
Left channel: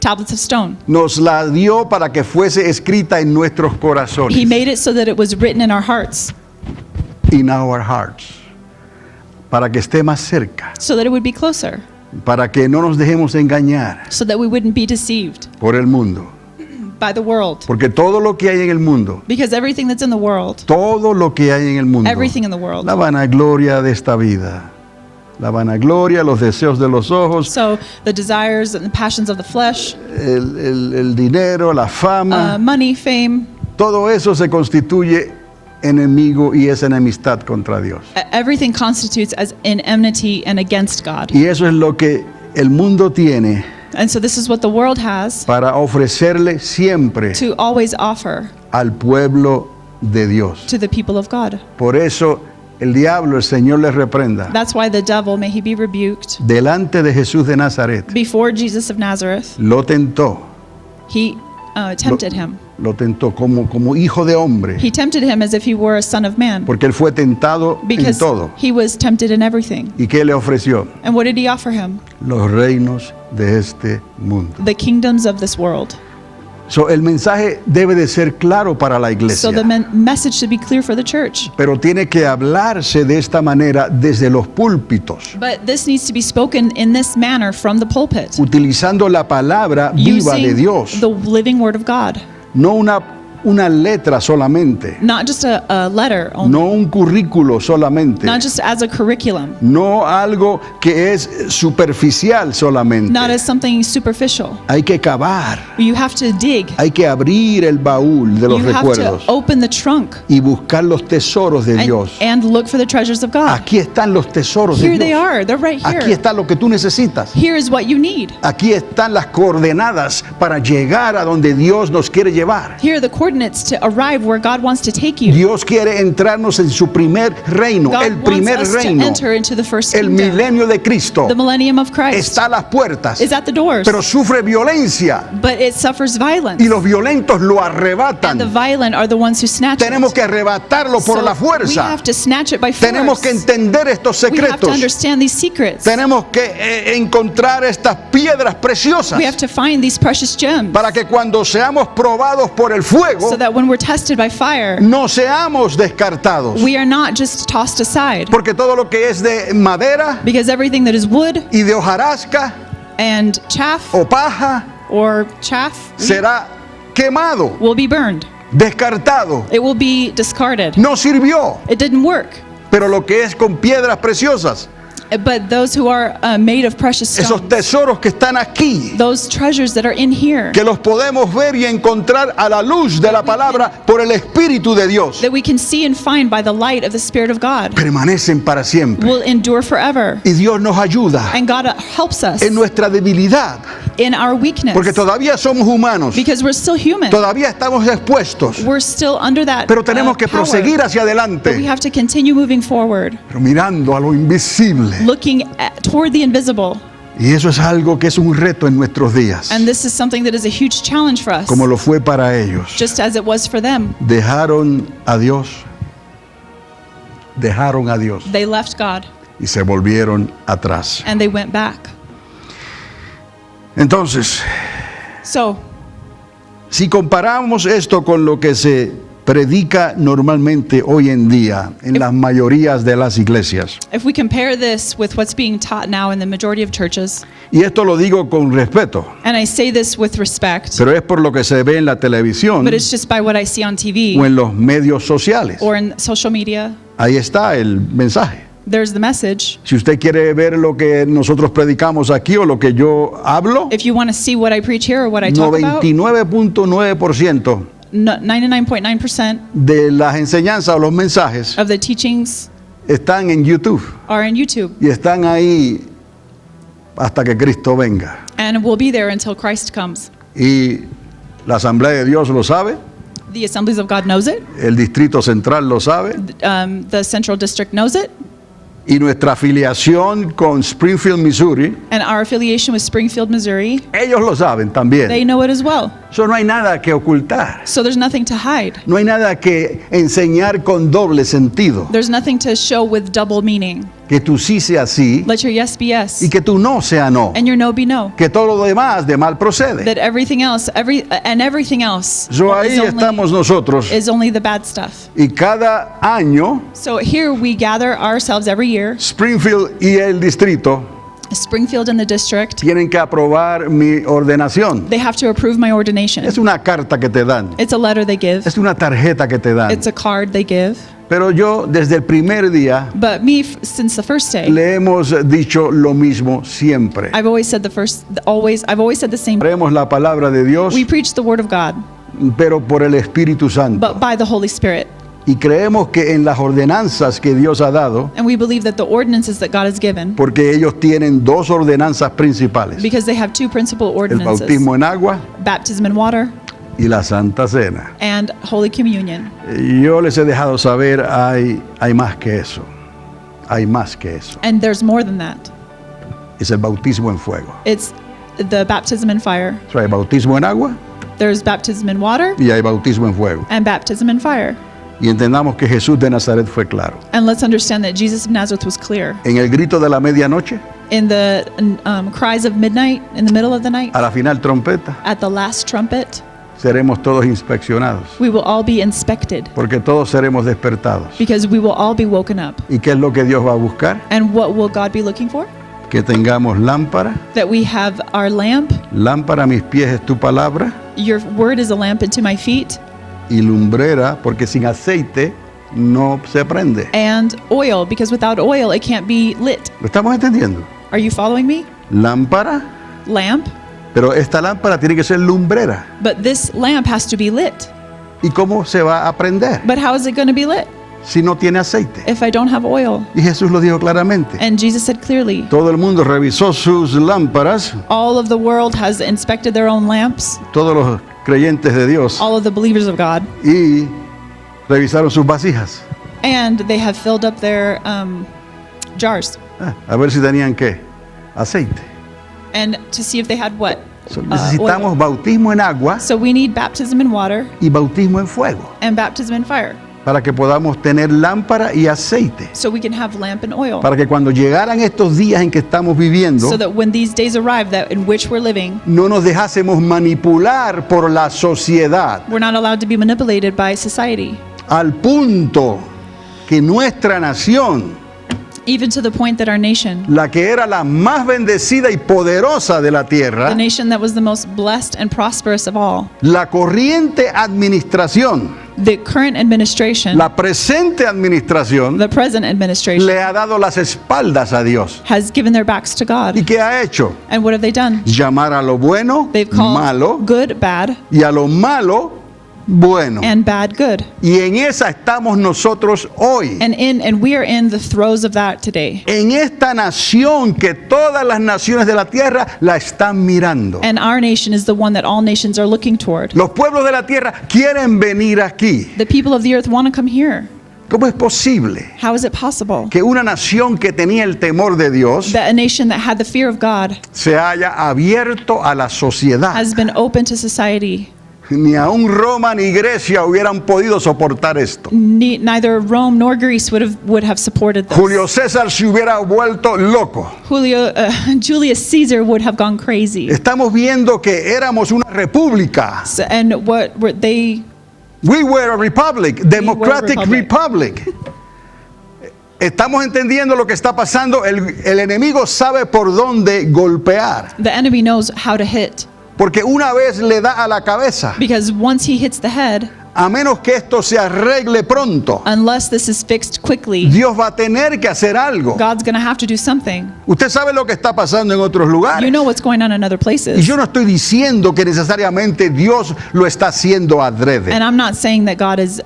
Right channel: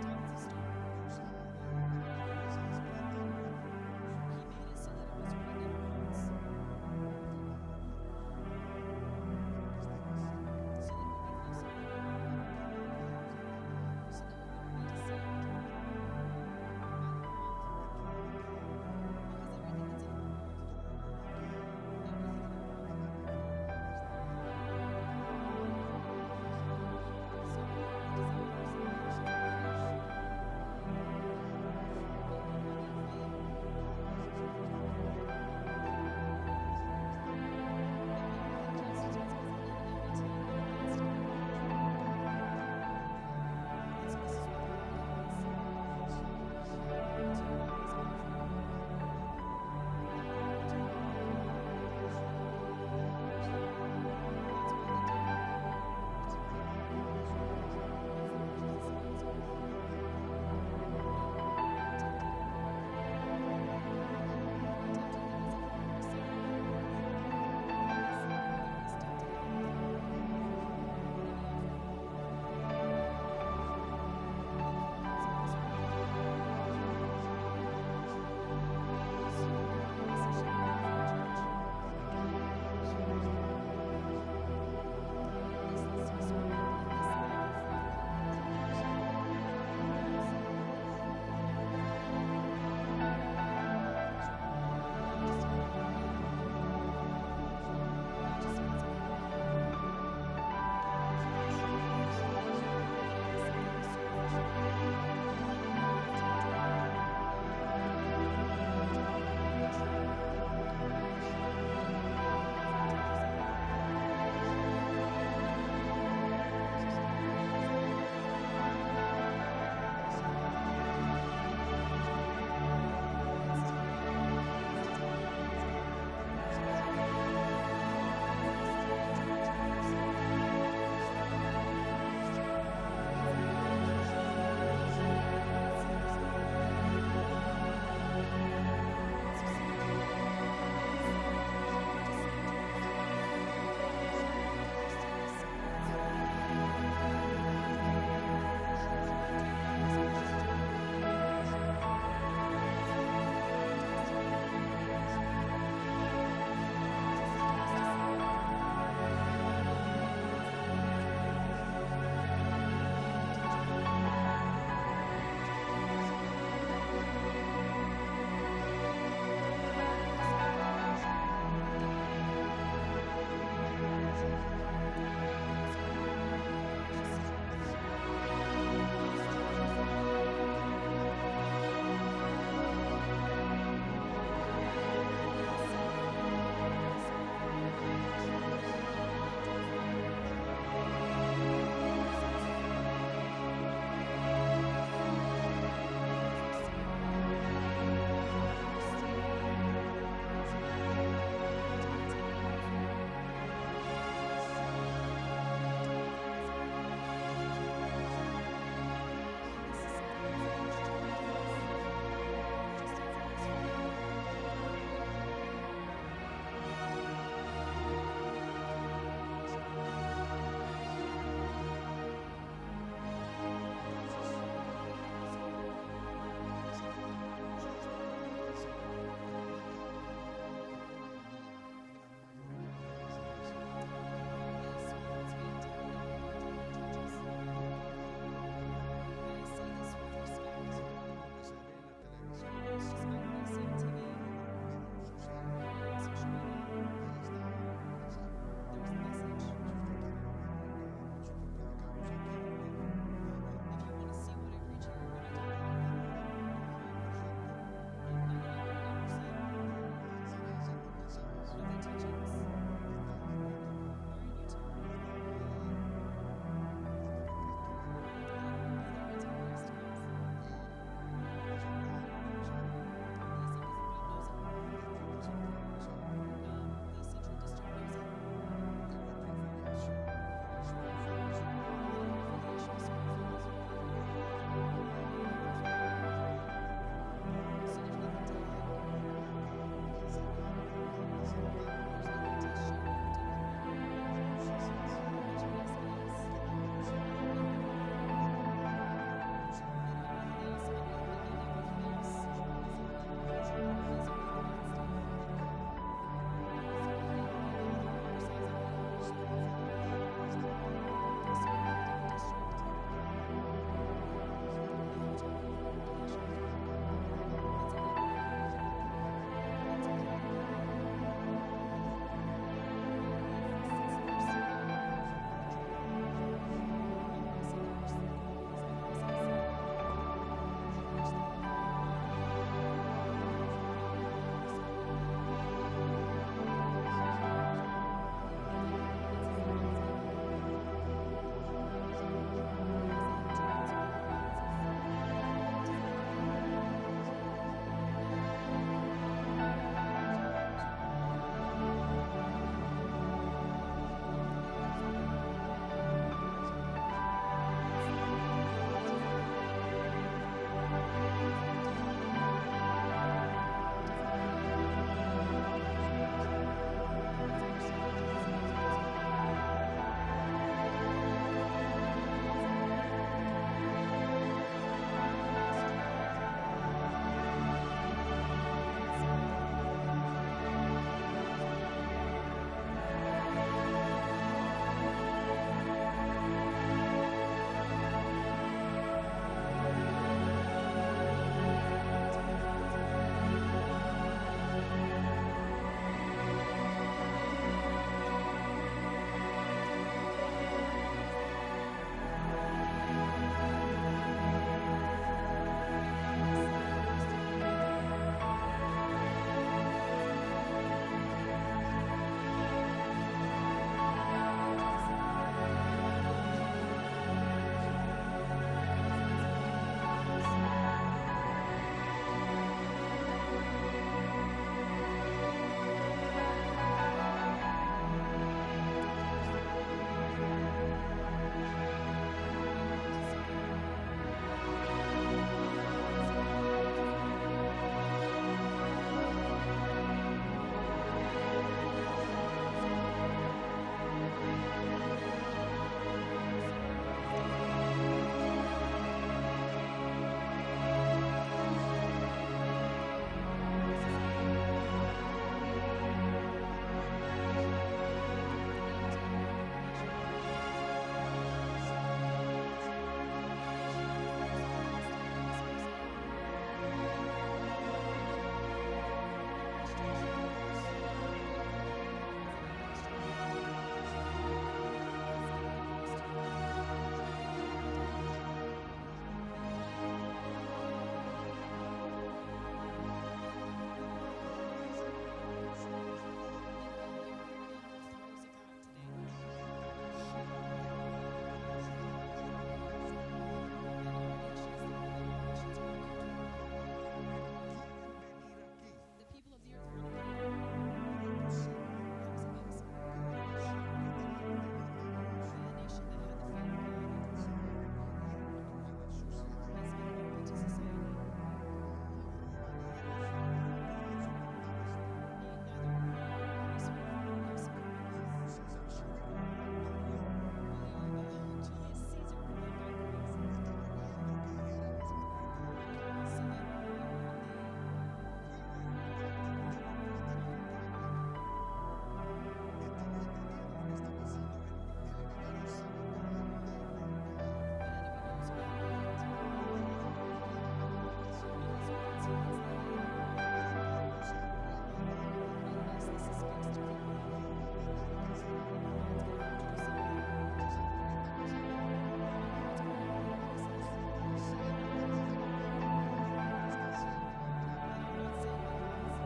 tablets of stone. Nos la dio para que fuese escrita en nuestros He corazones. made it so that it was written in our hearts, In our hearts. Para que esté más cerca. so that it would be closer, Para que no nos dejemos engañar so that we wouldn't be deceived por el mundo. by the world. Porque todo lo que hay en el mundo, Because everything that's in the world, todo lo que hay en el mundo, everything in the world, la vanagloria de esta vida, la vanagloria, los deseos de los ojos, so the desires and the passions of the flesh, el dinero, la fama, money, fame, todo eso se constituye enemigo y es enemistad contra Dios. everything constitutes as an enmity and against God. Y eso es lo que el mundo tiene And so this is what the world has para ofrecerle siempre to always offer al pueblo de Dios. to the people of God. Por eso el diablo, el Señor le reprenda, That's why the devil, may he be rebuked, delante de Jesús de Nazaret, before Jesus of Nazareth, lo tentó, he tempted him. lo tentó como hijo de hombre, He tempted him as if he were a son of man, porque él fue tentado en because todo. he was tempted in everything. ¿Y qué le ofreció? And what did he offer him? Los reinos de este mundo. The kingdoms of this world. So, el mensaje debe de ser claro para la iglesia, So the message should be clear for the church. pero tiene que hablarse de esta manera desde los púlpitos, But this needs to be spoken in this manner from the pulpit, utilizando la palabra viva de using Dios, the living word of God, no una letra solamente, not just a letter only, no un currículo solamente, not just as a curriculum, no algo que es superficial solamente. not as something superficial. Hay que cavar, You have to dig. hay que abrir el baúl de los You have to recuerdos open the trunk y buscar los tesoros de Dios. and look for the treasures of God. Aquí están los tesoros de Here they Dios. are. They're right Aquí here. está lo que tú necesitas. Here is what you need. Aquí están las coordenadas para llegar a donde Dios nos quiere llevar. Here are the coordinates to arrive where God wants to take you. Dios quiere entrarnos en su primer reino, God el wants primer us to reino, enter into the first el kingdom. milenio de Cristo. The millennium of Christ Está a las puertas, is at the doors, pero sufre violencia but it suffers violence. y los violentos lo And the arrebatan. violent are the ones who snatch Tenemos it. que arrebatarlo por So la we fuerza. have to snatch it by Tenemos que force. entender estos We have to secretos. understand these secrets. Tenemos que encontrar estas piedras preciosas We have to find these precious gems para que cuando seamos probados por el fuego so that when we're tested by fire, no seamos descartados. we are not just tossed aside. Porque todo lo que es de madera Because everything that is wood y de hojarasca and chaff o paja or chaff será quemado, will be burned. descartado. It will be discarded. No sirvió. It didn't work. Pero lo que es con piedras preciosas, But those who are made of precious esos stones, tesoros que están aquí, those treasures that are in here, que los podemos ver y encontrar a la luz de la palabra por el Espíritu de Dios, that we can see and find by the light of the Spirit of God, permanecen para siempre. will endure forever. Y Dios nos ayuda And God helps us en nuestra debilidad, in our weakness, porque todavía somos humanos, because we're still human. todavía estamos expuestos, We're still under that pero tenemos que power. proseguir hacia But we adelante, have to continue moving forward, pero mirando a lo invisible, looking toward the invisible, Y eso es algo que es un reto en nuestros días, And this is something that is a huge challenge for us, como lo fue para ellos. just as it was for them. Dejaron a Dios They left God y se volvieron atrás. and they went back. Entonces, So, si comparamos esto con lo que se predica normalmente hoy en día en las mayorías de las iglesias, if we compare this with what's being taught now in the majority of churches, y esto lo digo con respeto, and I say this with respect, pero es por lo que se ve en la televisión but it's just by what I see on o TV en los medios sociales. or in social media, Ahí está el mensaje. there's the message. Si usted quiere ver lo que nosotros predicamos aquí o lo que yo hablo, If you want to see what I preach here or what I talk about, 99.9% 99.9% de las enseñanzas o los mensajes of the teachings están en YouTube are in YouTube y están ahí hasta que Cristo venga. and will be there until Christ comes. Y la Asamblea de Dios lo sabe, The Assemblies of God knows it. el Distrito Central lo sabe, The Central District knows it. y nuestra afiliación con Springfield, Missouri, And our affiliation with Springfield, Missouri, ellos lo saben they también. know it as well. Eso no hay nada que ocultar, So there's nothing to hide. no hay nada que enseñar con doble sentido. There's nothing to show with double meaning. Que tu sí sea sí Let your yes be yes y que tu no sea no. and your no be no. Que todo lo demás de mal procede. That everything else, everything else So ahí estamos nosotros is only the bad stuff. y cada año So here we gather ourselves every year. Springfield y el distrito Springfield and the district, tienen que aprobar mi ordenación. they have to approve my ordination. Es una carta que te dan, It's a letter they give. es una tarjeta que te dan. It's a card they give. Pero yo desde el primer día But me, since the first day, le hemos dicho lo mismo siempre. I've always said I've always said the same. Haremos la palabra de Dios, We preach the word of God, pero por el Espíritu Santo. but by the Holy Spirit. Y creemos que en las ordenanzas que Dios ha dado, And we believe that the ordinances that God has given, porque ellos tienen dos ordenanzas principales, because they have two principal el ordinances, bautismo en agua baptism in water y la Santa Cena. and Holy Communion. Yo les he dejado saber, hay más que eso, hay más que eso. And there's more than that. Es el bautismo en fuego. It's the baptism in fire. O sea, hay bautismo en agua There's baptism in water y hay bautismo en fuego. and baptism in fire. Y entendamos que Jesús de Nazaret fue claro. And let's understand that Jesus of Nazareth was clear. En el grito de la medianoche, In the cries of midnight, in the middle of the night, a la final trompeta, at the last trumpet, seremos todos inspeccionados, we will all be inspected porque todos seremos despertados. because we will all be woken up. ¿Y qué es lo que Dios va a buscar? And what will God be looking for? Que tengamos lámpara. That we have our lamp. Lámpara a mis pies es tu palabra, Your word is a lamp unto my feet, y lumbrera, porque sin aceite no se prende. and oil, because without oil it can't be lit. ¿Lo estamos entendiendo? Are you following me? Lámpara, Lamp, pero esta lámpara tiene que ser lumbrera. but this lamp has to be lit. ¿Y cómo se va a prender But how is it going to be lit si no tiene aceite? if I don't have oil? Y Jesús lo dijo claramente. And Jesus said clearly, Todo el mundo revisó sus lámparas, all of the world has inspected their own lamps, todos los creyentes de Dios, all of the believers of God, y revisaron sus vasijas. and they have filled up their jars, A ver si tenían qué, aceite. and to see if they had what? So, necesitamos Oil. bautismo en agua So we need baptism in water y bautismo en fuego and baptism in fire, para que podamos tener lámpara y aceite. so we can have lamp and oil. Para que cuando llegaran estos días en que estamos viviendo, So that when these days arrive that in which we're living, no nos dejásemos manipular por la sociedad, we're not allowed to be manipulated by society, al punto que nuestra nación, even to the point that our nation, la que era la más bendecida y poderosa de la the tierra, nation that was the most blessed and prosperous of all, la corriente administración, the current administration, la presente administración, the present administration, le ha dado las espaldas a Dios. has given their backs to ¿Y God. qué ha hecho? And what have they done? Llamar a lo bueno They've called malo good bad y a lo malo bueno. and bad good. Y en esa estamos nosotros hoy. And we are in the throes of that today. En esta nación que todas las naciones de la tierra la están mirando. And our nation is the one that all nations are looking toward. Los pueblos de la tierra quieren venir aquí, The people of the earth want to come here, ¿Cómo es posible How is it possible que una nación que tenía el temor de Dios that a nation that had the fear of God se haya abierto a la sociedad? has been open to society? Ni aún Roma ni Grecia hubieran podido soportar esto. Neither Rome nor Greece would have supported this. Julio César se hubiera vuelto loco. Julius Caesar would have gone crazy. Estamos viendo que éramos una república. And what were they? We were a republic, democratic republic. republic. Estamos entendiendo lo que está pasando. El enemigo sabe por dónde golpear. The enemy knows how to hit. Porque una vez le da a la cabeza. Because once he hits the head, A menos que esto se arregle pronto, unless this is fixed quickly, Dios va a tener que hacer algo. God's going to have to do something. Usted sabe lo que está pasando en otros lugares. You know what's going on in other Y places. yo no estoy diciendo que necesariamente Dios lo está haciendo adrede. And I'm not saying that God is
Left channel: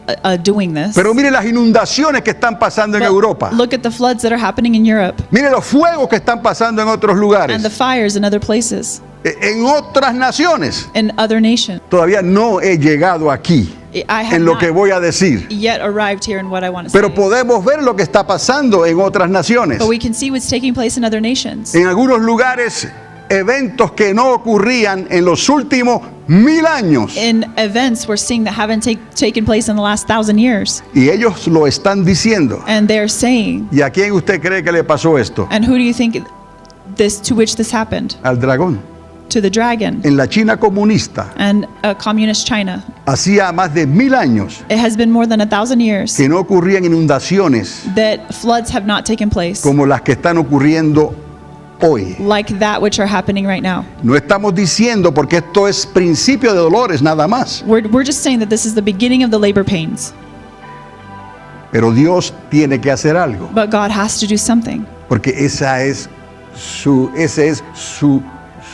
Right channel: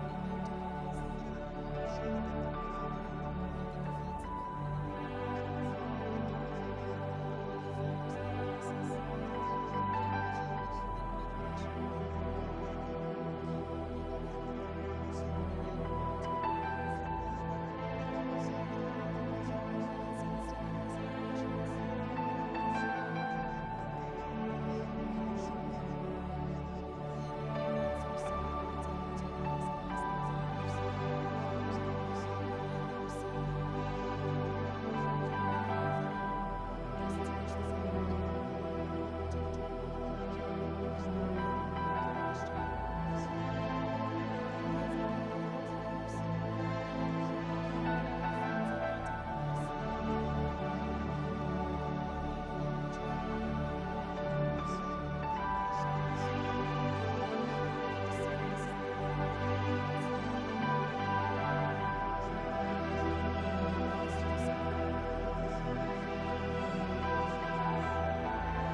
doing this. Pero mire las inundaciones que están pasando en But Europa. look at the floods that are happening in Europe Mire los fuegos que están pasando en otros and lugares. the fires in other places, En otras naciones. in other nations. Todavía no he llegado aquí I have en lo not que voy a decir. yet arrived here in what I want to Pero say. podemos ver lo que está pasando en otras naciones. But we can see what's taking place in other nations. En algunos lugares, eventos que no ocurrían en los últimos 1000 años. In events we're seeing that haven't taken place in the last 1,000 years. Y ellos lo están diciendo. And they're saying, ¿Y a quién usted cree que le pasó esto? and who do you think to which this happened? Al dragón. To the dragon En la China comunista, and communist China. hacía más de 1000 años It has been more than 1,000 years que no ocurrían inundaciones that floods have not taken place como las que están ocurriendo hoy. like that which are happening right now. No estamos diciendo, porque esto es principio de dolores nada más, We're just saying that this is the beginning of the labor pains. pero Dios tiene que hacer algo, But God has to do something porque ese es su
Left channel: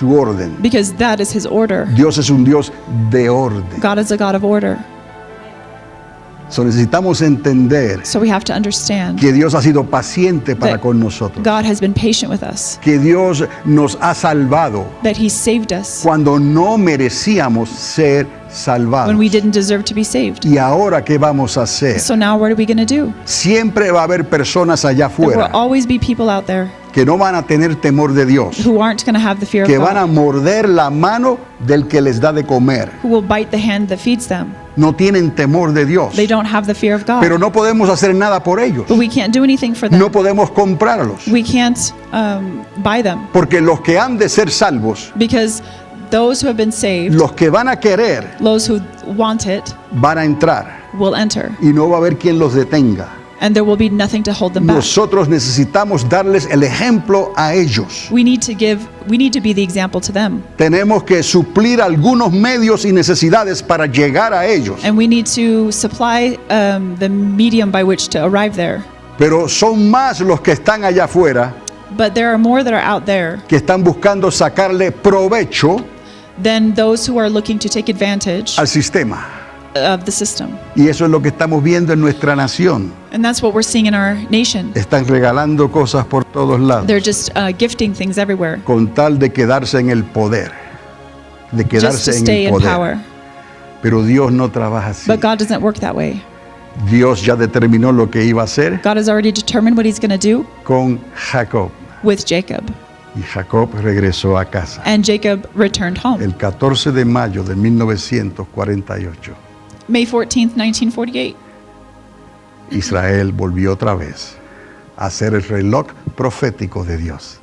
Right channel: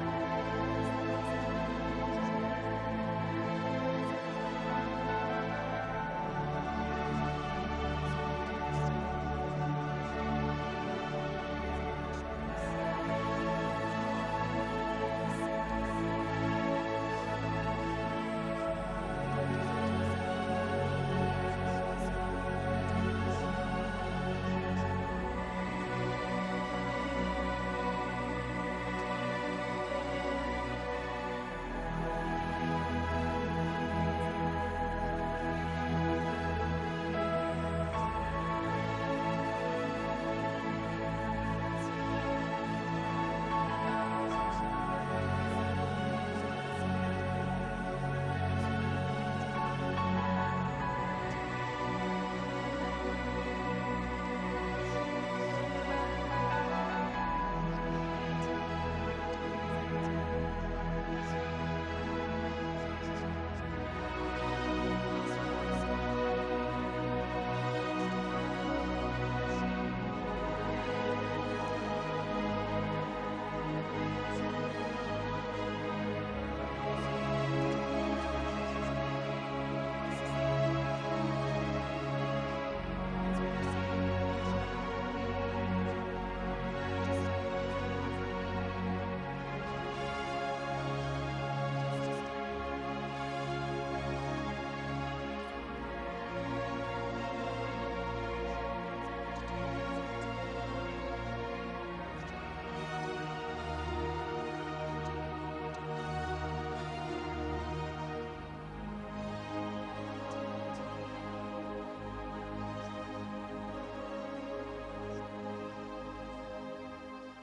orden. because that is His order. Dios es un Dios de orden. God is a God of order. So necesitamos entender So we have to understand que Dios ha sido paciente para that con nosotros, God has been patient with us, que Dios nos ha salvado that He saved us cuando no merecíamos ser salvados. when we didn't deserve to be saved. ¿Y ahora qué vamos a hacer? So now what are we going to do? Siempre va a haber personas allá There will afuera always be people out there que no van a tener temor de Dios, who aren't going to have the fear of que van a God, morder la mano del que les da de comer. who will bite the hand that feeds them. No tienen temor de Dios, They don't have the fear of God. pero no podemos hacer nada por ellos. But we can't do anything for them. No podemos comprarlos, We can't buy them porque los que han de ser salvos, because those who have been saved, los que van a querer, those who want it, van a entrar will enter. y no va a haber quien los detenga. And there will be nothing to hold them back. Nosotros necesitamos darles el ejemplo a ellos. We need to be the example to them. Tenemos que suplir algunos medios y necesidades para llegar a ellos. And we need to supply the medium by which to arrive there. Pero son más los que están allá afuera But there are more that are out there que están buscando sacarle provecho than those who are looking to take advantage al sistema. of the system. Y eso es lo que estamos viendo en nuestra nación. And that's what we're seeing in our nation. Están regalando cosas por todos lados They're just gifting things everywhere con tal de quedarse en el poder. De just to quedarse en stay el in poder. power. Pero Dios no trabaja así. But God doesn't work that way. Dios ya determinó lo que iba a hacer God has already determined what He's going to do con Jacob. with Jacob. Y Jacob regresó a casa And Jacob returned home. el 14 de mayo de 1948. May 14th, 1948. Israel volvió otra vez a ser el reloj profético de Dios.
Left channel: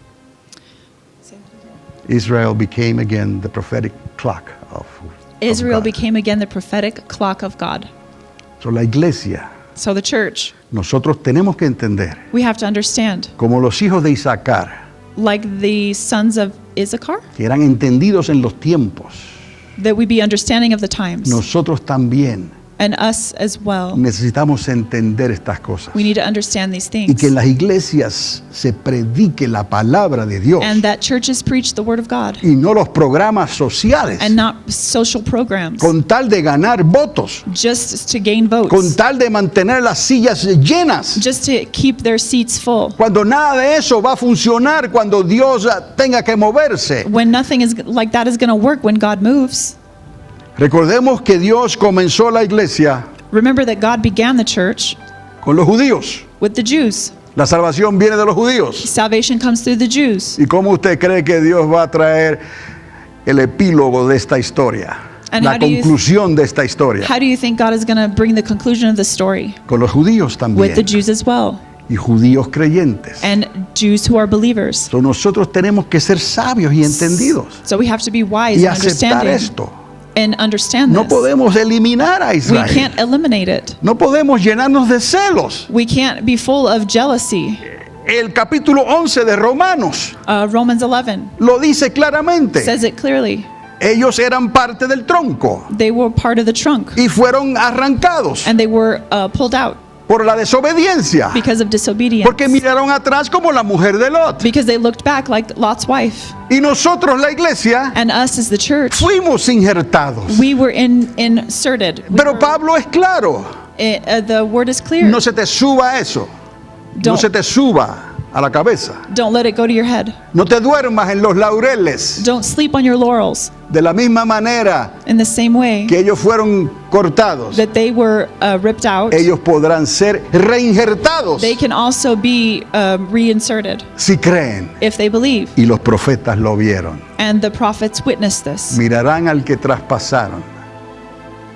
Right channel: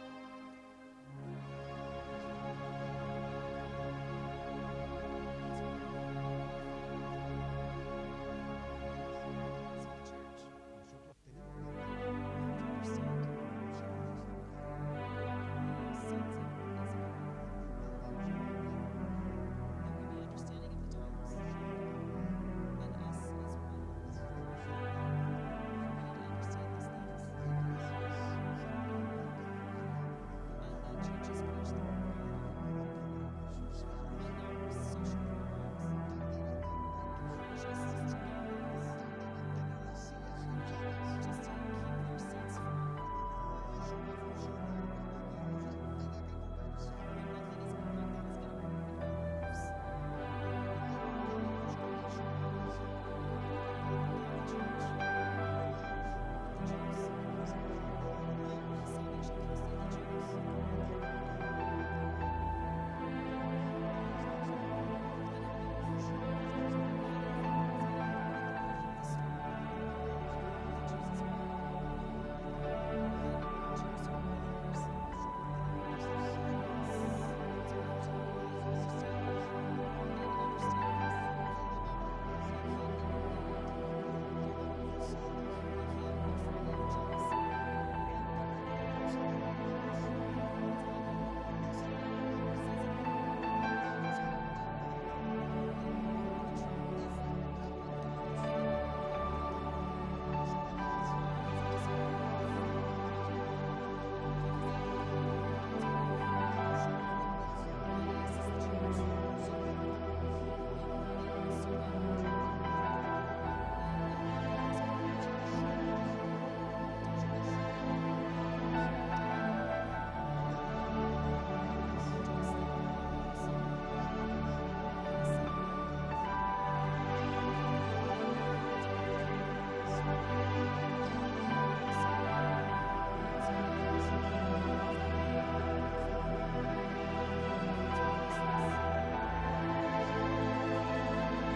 Israel became again the prophetic clock of Israel God. became again the prophetic clock of God. So, la iglesia, So the church, nosotros tenemos que entender, we have to understand, como los hijos de Isaacar, like the sons of Issachar, que eran entendidos en los tiempos, that we be understanding of the times. nosotros también And us as well. necesitamos entender estas cosas. We need to understand these Y que things. en las iglesias se predique la palabra de Dios And that churches preach the word of God y no los programas sociales, and not social programs con tal de ganar votos, just to gain con votes, tal de mantener las sillas llenas. just to keep their seats full. Cuando nada de eso va a funcionar cuando Dios tenga que moverse. When nothing is like that is going to work when God moves. Recordemos que Dios comenzó la iglesia Remember that God began the church con los judíos. with the Jews. La salvación viene de los judíos. Salvation comes through the Jews. ¿Y cómo usted cree que Dios va a traer el epílogo de esta historia? And La how do you- conclusión de esta historia. How do you think God is going to bring the conclusion of the story? Con los judíos With the también. Jews as well, Y judíos creyentes. and Jews who are believers. So, nosotros tenemos que ser sabios y entendidos. So we have to be wise Y and aceptar understanding esto. and understand No this. podemos eliminar a We Israel. can't eliminate it. No podemos llenarnos de celos. We can't be full of jealousy. El capítulo 11 de Romanos Romans 11 lo dice claramente. says it clearly. Ellos eran parte del tronco They were part of the trunk, y fueron arrancados and they were pulled out por la desobediencia. because of disobedience. Porque miraron atrás como la mujer de Lot. Because they looked back like Lot's wife. Y nosotros, la iglesia, And us as the church, fuimos injertados. we were inserted. Pero Pablo es claro. The word is clear. No se te suba eso. No Don't- se te suba a la cabeza. Don't let it go to your head. No te duermas en los laureles. Don't sleep on your laurels. De la misma manera In the same way que ellos fueron cortados, that they were ripped out, ellos podrán ser reinjertados they can also be reinserted si creen. if they believe. Y los profetas lo vieron. And the prophets witnessed this. Mirarán al que traspasaron.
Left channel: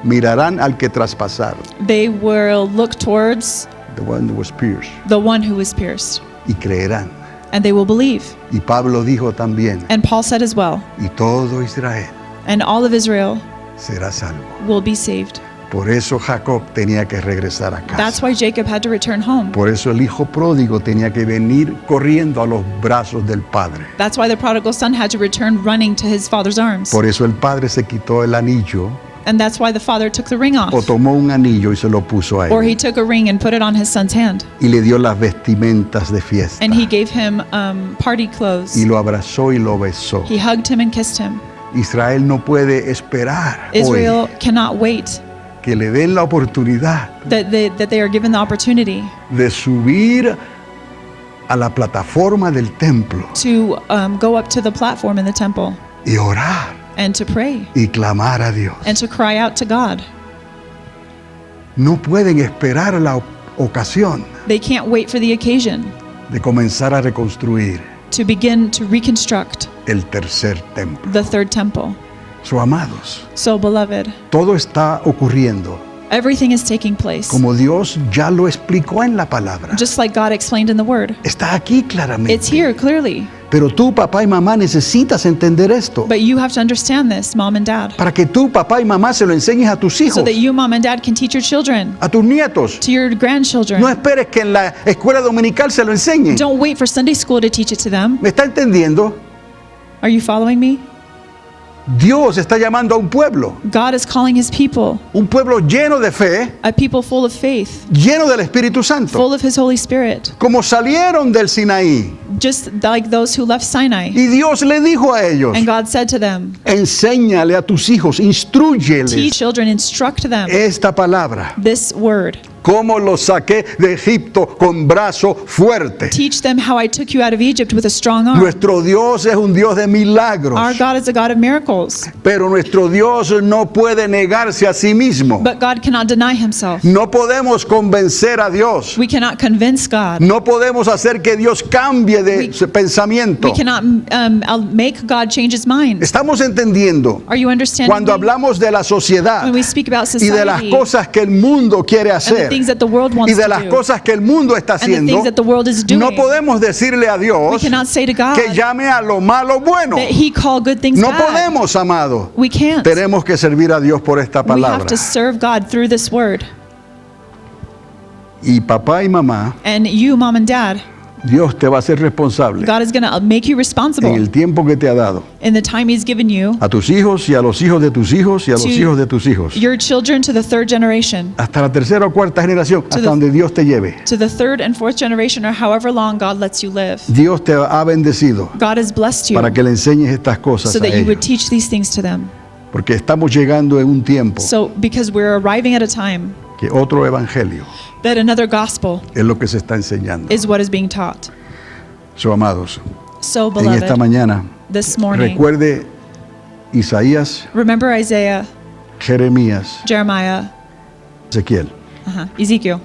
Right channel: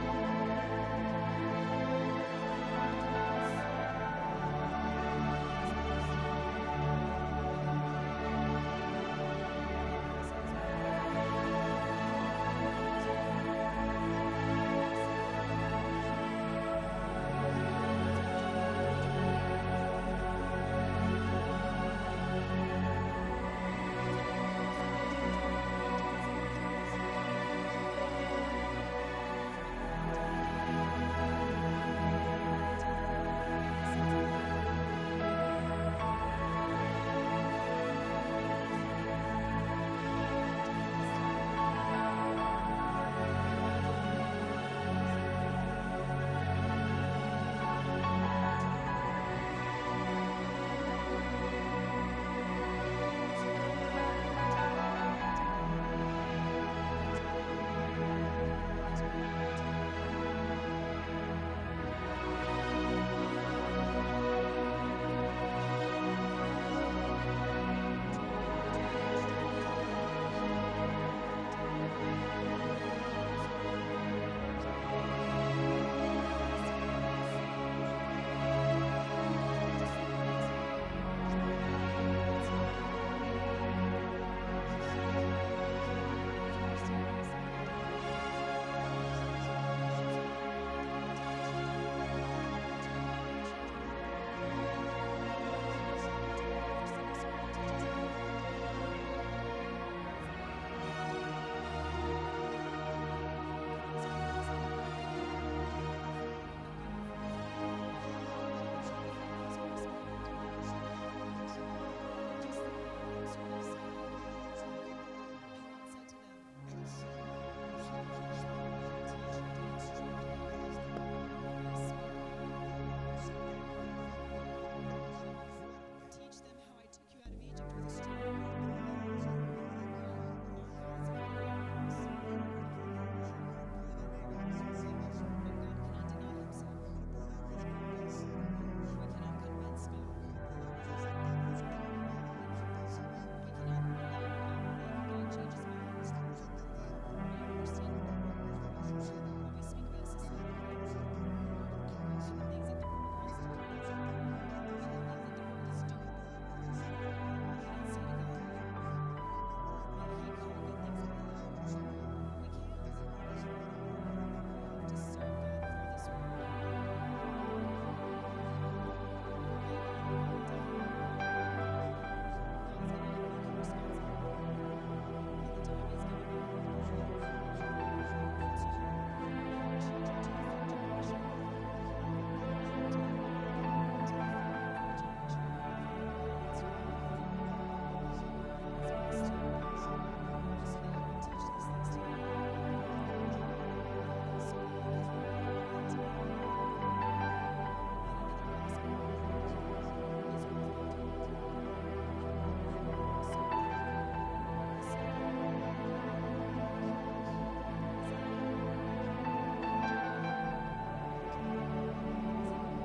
Mirarán al que traspasaron. They will look towards The one that was pierced. the one who was pierced, Y creerán. and they will believe. Y Pablo dijo también, And Paul said as well, y todo Israel and all of Israel será salvo. will be saved. Por eso Jacob tenía que regresar a That's casa. why Jacob had to return home. Por eso el hijo pródigo tenía que venir corriendo a los brazos del padre. That's why the prodigal son had to return running to his father's arms. Por eso el padre se quitó el anillo And that's why the father took the ring o off. tomó un anillo y se lo puso a Or él he took a ring and put it on his son's hand. y le dio las vestimentas de fiesta And he gave him party clothes. y lo abrazó y lo besó. He hugged him and kissed him. Israel no puede esperar Israel hoy cannot wait que le den la oportunidad that they are given the opportunity de subir a la plataforma del templo to go up to the platform in the temple y orar and to pray y clamar a Dios. and to cry out to God. No pueden esperar la ocasión They can't wait for the occasion de comenzar a reconstruir to begin to reconstruct el tercer templo. the third temple. So, amados, So, beloved, todo está ocurriendo everything is taking place como Dios ya lo explicó en la palabra. just like God explained in the Word. Está aquí It's claramente. here clearly, Pero tú, papá y mamá, necesitas entender esto but you have to understand this, mom and dad, para que tú, papá y mamá, se lo enseñes a tus so hijos, that you, mom and dad, can teach your children, a tus nietos. to your grandchildren. No esperes que en la escuela dominical se lo enseñen. Don't wait for Sunday school to teach it to them. ¿Me está entendiendo? Are you following me? Dios está llamando a un pueblo Un pueblo lleno de fe, a people full of faith, lleno del Espíritu Santo, full of His Holy Spirit, como salieron del Sinaí. just like those who left Sinai. Y Dios le dijo a ellos, And God said to them, enséñale a tus hijos, teach instrúyeles children, instruct them esta palabra. this word. Cómo los saqué de Egipto con brazo fuerte. Teach them how I took you out of Egypt with a strong arm. Nuestro Dios es un Dios de milagros, Our God is a God of miracles, pero nuestro Dios no puede negarse a sí mismo. but God cannot deny Himself. No podemos convencer a Dios. We cannot convince God. No podemos hacer que Dios cambie de We- su pensamiento. We cannot make God change His mind. Estamos entendiendo Are you understanding cuando me? hablamos de la sociedad When we speak about y de las society cosas que el mundo quiere and the hacer things that the world y wants de to las do cosas que el mundo está and the haciendo, things that the world is doing, no podemos decirle a we Dios cannot say to God que llame a lo malo bueno. that He call good things No bad. podemos, amado. We can't. Tenemos que servir a Dios por esta We have palabra. to serve God through this word. Y papá y mamá, And you, mom and dad, Dios te va a hacer responsable God is going to make you en responsible el tiempo que te ha dado. in the time He's given you, A tus hijos y a los hijos de tus hijos y a los To hijos de tus hijos. your children, to the third generation, Hasta la tercera o cuarta generación, hasta the- donde Dios te lleve. to the third and fourth generation, or however long God lets you live. Dios te ha bendecido God has blessed you para que le enseñes estas cosas so a that you would ellos. teach these things to them. Porque estamos llegando en un tiempo So, because we're arriving at a time que otro evangelio that another gospel es lo que se está enseñando. is what is being taught. So, amados, So, en esta beloved, mañana, this morning, recuerde Isaías, remember Isaiah, Jeremías, Jeremiah, Ezequiel. Ezekiel.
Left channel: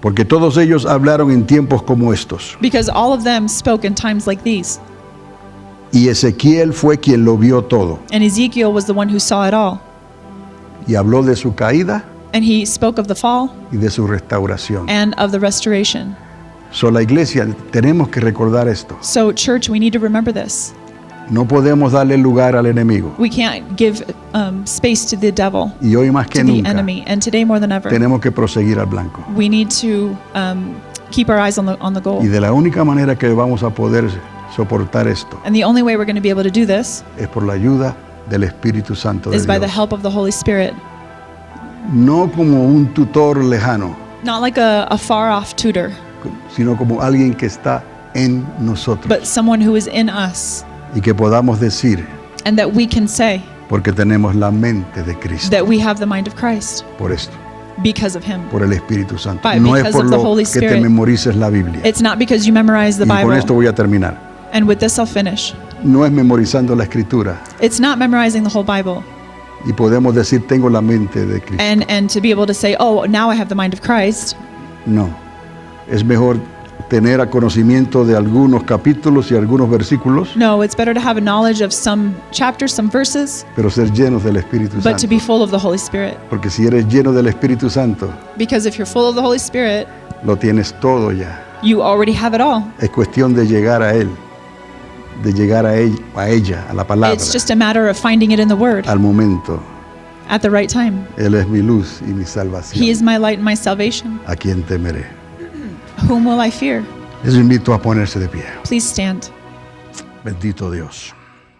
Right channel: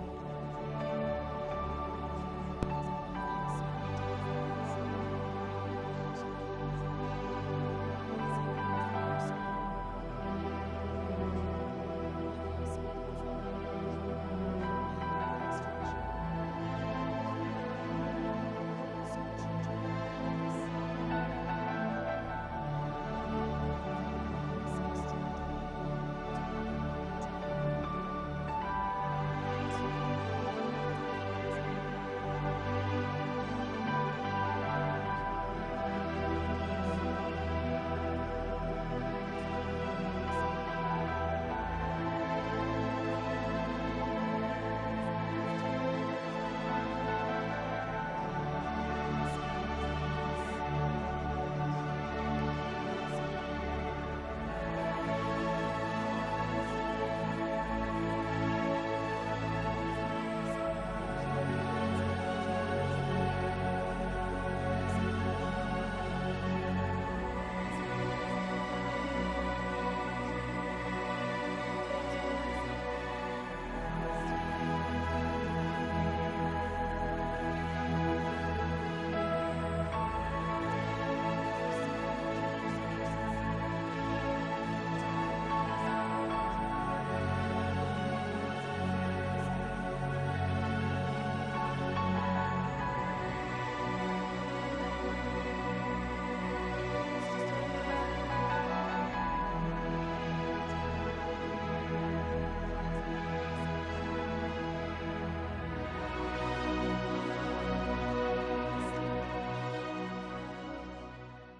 Porque todos ellos hablaron en tiempos como estos. because all of them spoke in times like these. Y Ezequiel fue quien lo vio todo. And Ezekiel was the one who saw it all. Y habló de su caída And he spoke of the fall y de su restauración. and of the restoration. La iglesia, tenemos que recordar esto. So, church, we need to remember this. No podemos darle lugar al enemigo. We can't give space to the devil, Y hoy más que to the nunca, enemy. And today more than ever, tenemos que proseguir al blanco. we need to keep our eyes on the goal. Y de la única manera que vamos a poder soportar esto And the only way we're going to be able to do this es por la ayuda del Espíritu Santo de is by the Dios. help of the Holy Spirit. No como un tutor lejano, Not like a far-off tutor, sino como alguien que está en nosotros. but someone who is in us. Y que podamos decir, And that we can say porque tenemos la mente de Cristo. that we have the mind of Christ Por esto, because of Him. por el Espíritu Santo. But No es because por of the lo Holy que te Spirit. memorices la Biblia. It's not because you memorize the Y con esto Bible. voy a terminar. And with this I'll finish. No es memorizando la Escritura. It's not memorizing the whole Bible. Y podemos decir, tengo la mente de Cristo. And to be able to say, oh, now I have the mind of Christ. No. Es mejor tener a conocimiento de algunos capítulos y algunos versículos, No, it's better to have a knowledge of some chapters, some verses, pero ser llenos del Espíritu but to Santo. be full of the Holy Spirit. Porque si eres lleno del Espíritu Santo, Because if you're full of the Holy Spirit, lo tienes todo ya. you already have it all. Es cuestión de llegar a Él, de llegar a ella, a la palabra, It's just a matter of finding it in the Word al momento. at the right time. Él es mi luz y mi salvación. He is my light and my salvation. ¿A quién temeré? Whom will I fear? Les invito a ponerse de pie. Please stand. Bendito Dios.